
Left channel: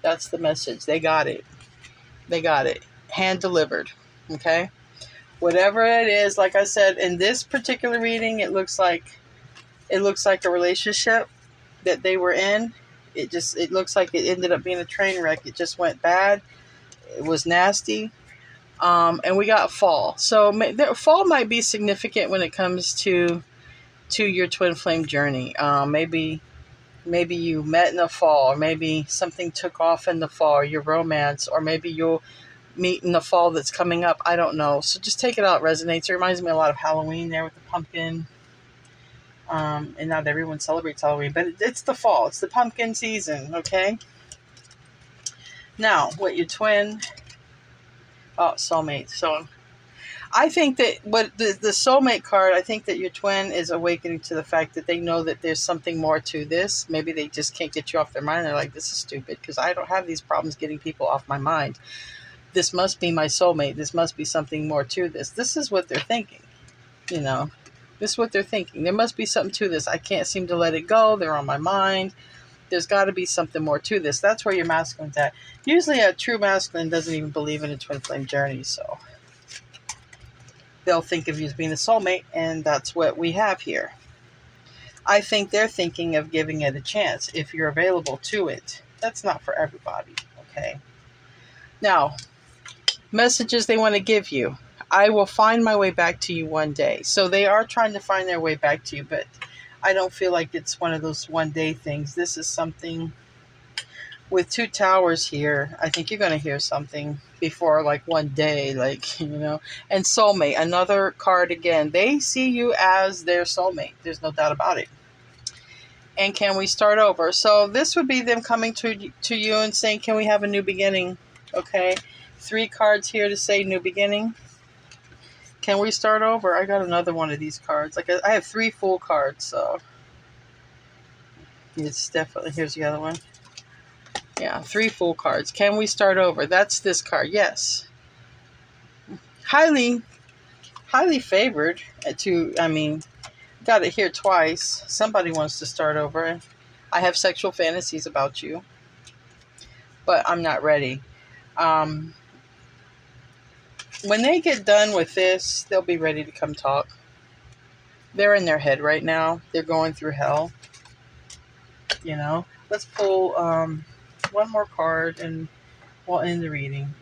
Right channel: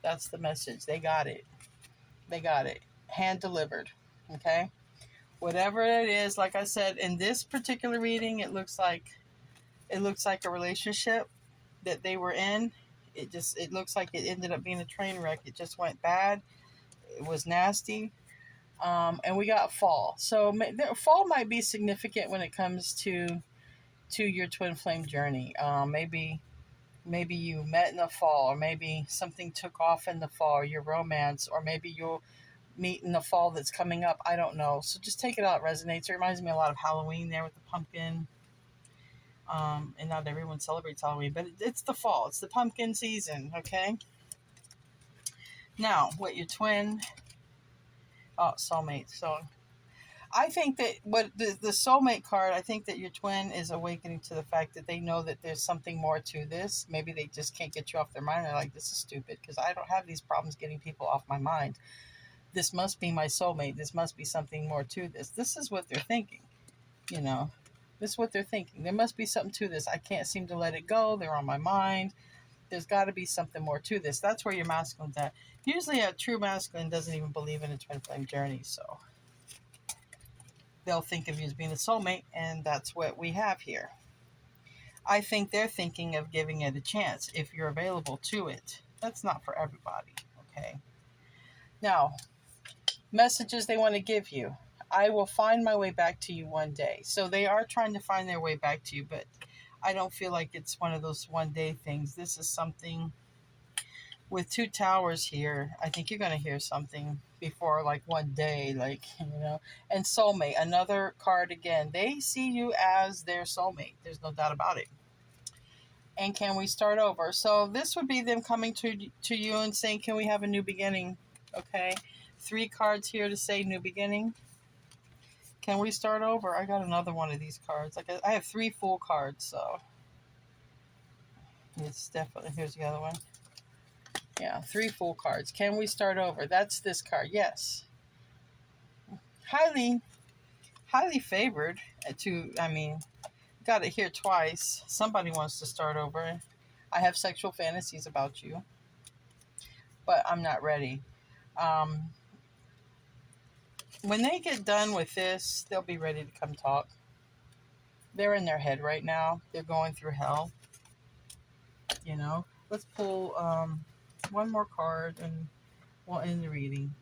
That's the message. They got it. They got it. Hand delivered, okay? Whatever it is, like I said, in this particular reading, it looks like a relationship that they were in. It looks like it ended up being a train wreck. It just went bad. It was nasty. And we got fall. So fall might be significant when it comes to your twin flame journey. Maybe you met in the fall, or maybe something took off in the fall, or your romance, or maybe you'll meet in the fall that's coming up. I don't know. So just take it out. It resonates. It reminds me a lot of Halloween there with the pumpkin. And not everyone celebrates Halloween, but it's the fall. It's the pumpkin season, okay? Now, what your twin... Oh, soulmate. So I think that what the soulmate card, I think that your twin is awakening to the fact that they know that there's something more to this. Maybe they just can't get you off their mind. They're like, this is stupid because I don't have these problems getting people off my mind. This must be my soulmate. This must be something more to this. This is what they're thinking, you know. This is what they're thinking. There must be something to this. I can't seem to let it go. They're on my mind. There's got to be something more to this. That's where your masculine's at. Usually a true masculine doesn't even believe in a twin flame journey, so they'll think of you as being a soulmate, and that's what we have here. I think they're thinking of giving it a chance if you're available to it. That's not for everybody, okay? Now, messages they want to give you. I will find my way back to you one day. So they are trying to find their way back to you, but I don't feel like it's one of those one day things. This is something with two towers here. I think you're going to hear something before like one day, like, you know. And soulmate, another card again. They see you as their soulmate. There's no doubt about it. And can we start over? So this would be them coming to you and saying, can we have a new beginning? Okay. 3 cards here to say new beginning. Can we start over? I got another one of these cards. Like I have 3 full cards, so it's definitely, here's the other one. Yeah, 3 full cards. Can we start over? That's this card. Yes. Highly favored to, I mean, got it here twice. Somebody wants to start over. I have sexual fantasies about you, but I'm not ready. When they get done with this, they'll be ready to come talk. They're in their head right now. They're going through hell. You know? Let's pull one more card and we'll end the reading.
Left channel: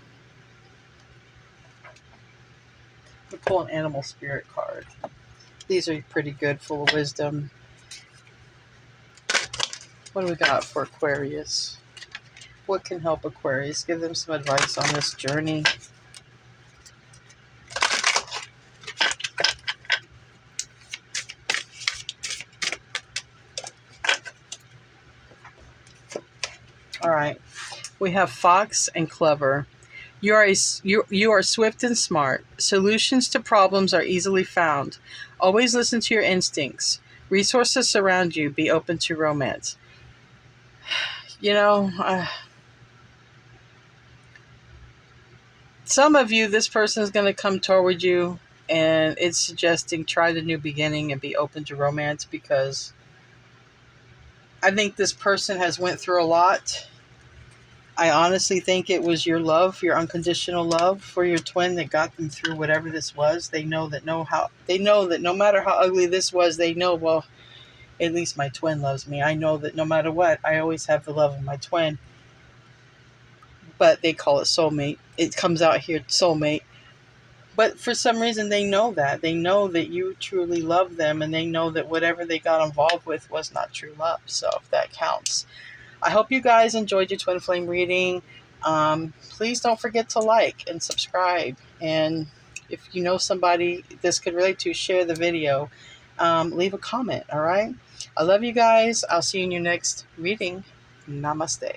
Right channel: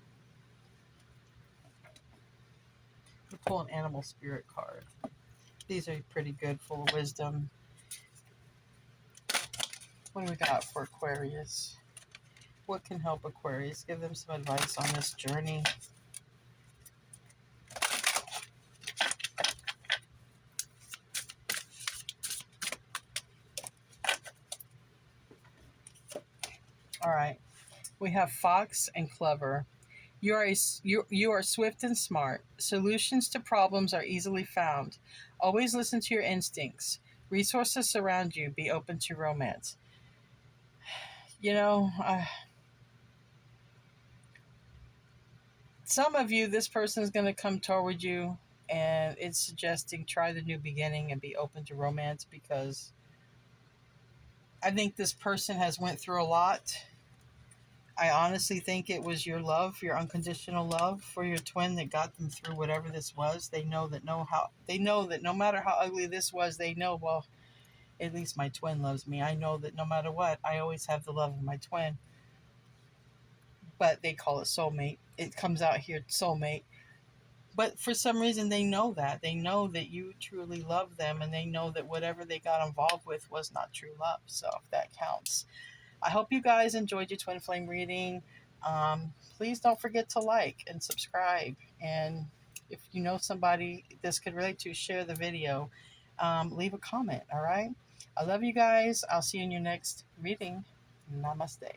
We'll pull an animal spirit card. These are pretty good, full of wisdom. What do we got for Aquarius? What can help Aquarius? Give them some advice on this journey. All right. We have Fox and Clever. You are swift and smart. Solutions to problems are easily found. Always listen to your instincts. Resources surround you. Be open to romance. You know, some of you, this person is going to come toward you, and it's suggesting try the new beginning and be open to romance, because I think this person has went through a lot. I honestly think it was your love, your unconditional love for your twin that got them through whatever this was. They know that no matter how ugly this was, they know, well, at least my twin loves me. I know that no matter what, I always have the love of my twin. But they call it soulmate. It comes out here, soulmate. But for some reason, they know that. They know that you truly love them, and they know that whatever they got involved with was not true love. So if that counts. I hope you guys enjoyed your twin flame reading. Please don't forget to like and subscribe. And if you know somebody this could relate to, share the video. Leave a comment, all right? I love you guys. I'll see you in your next reading. Namaste.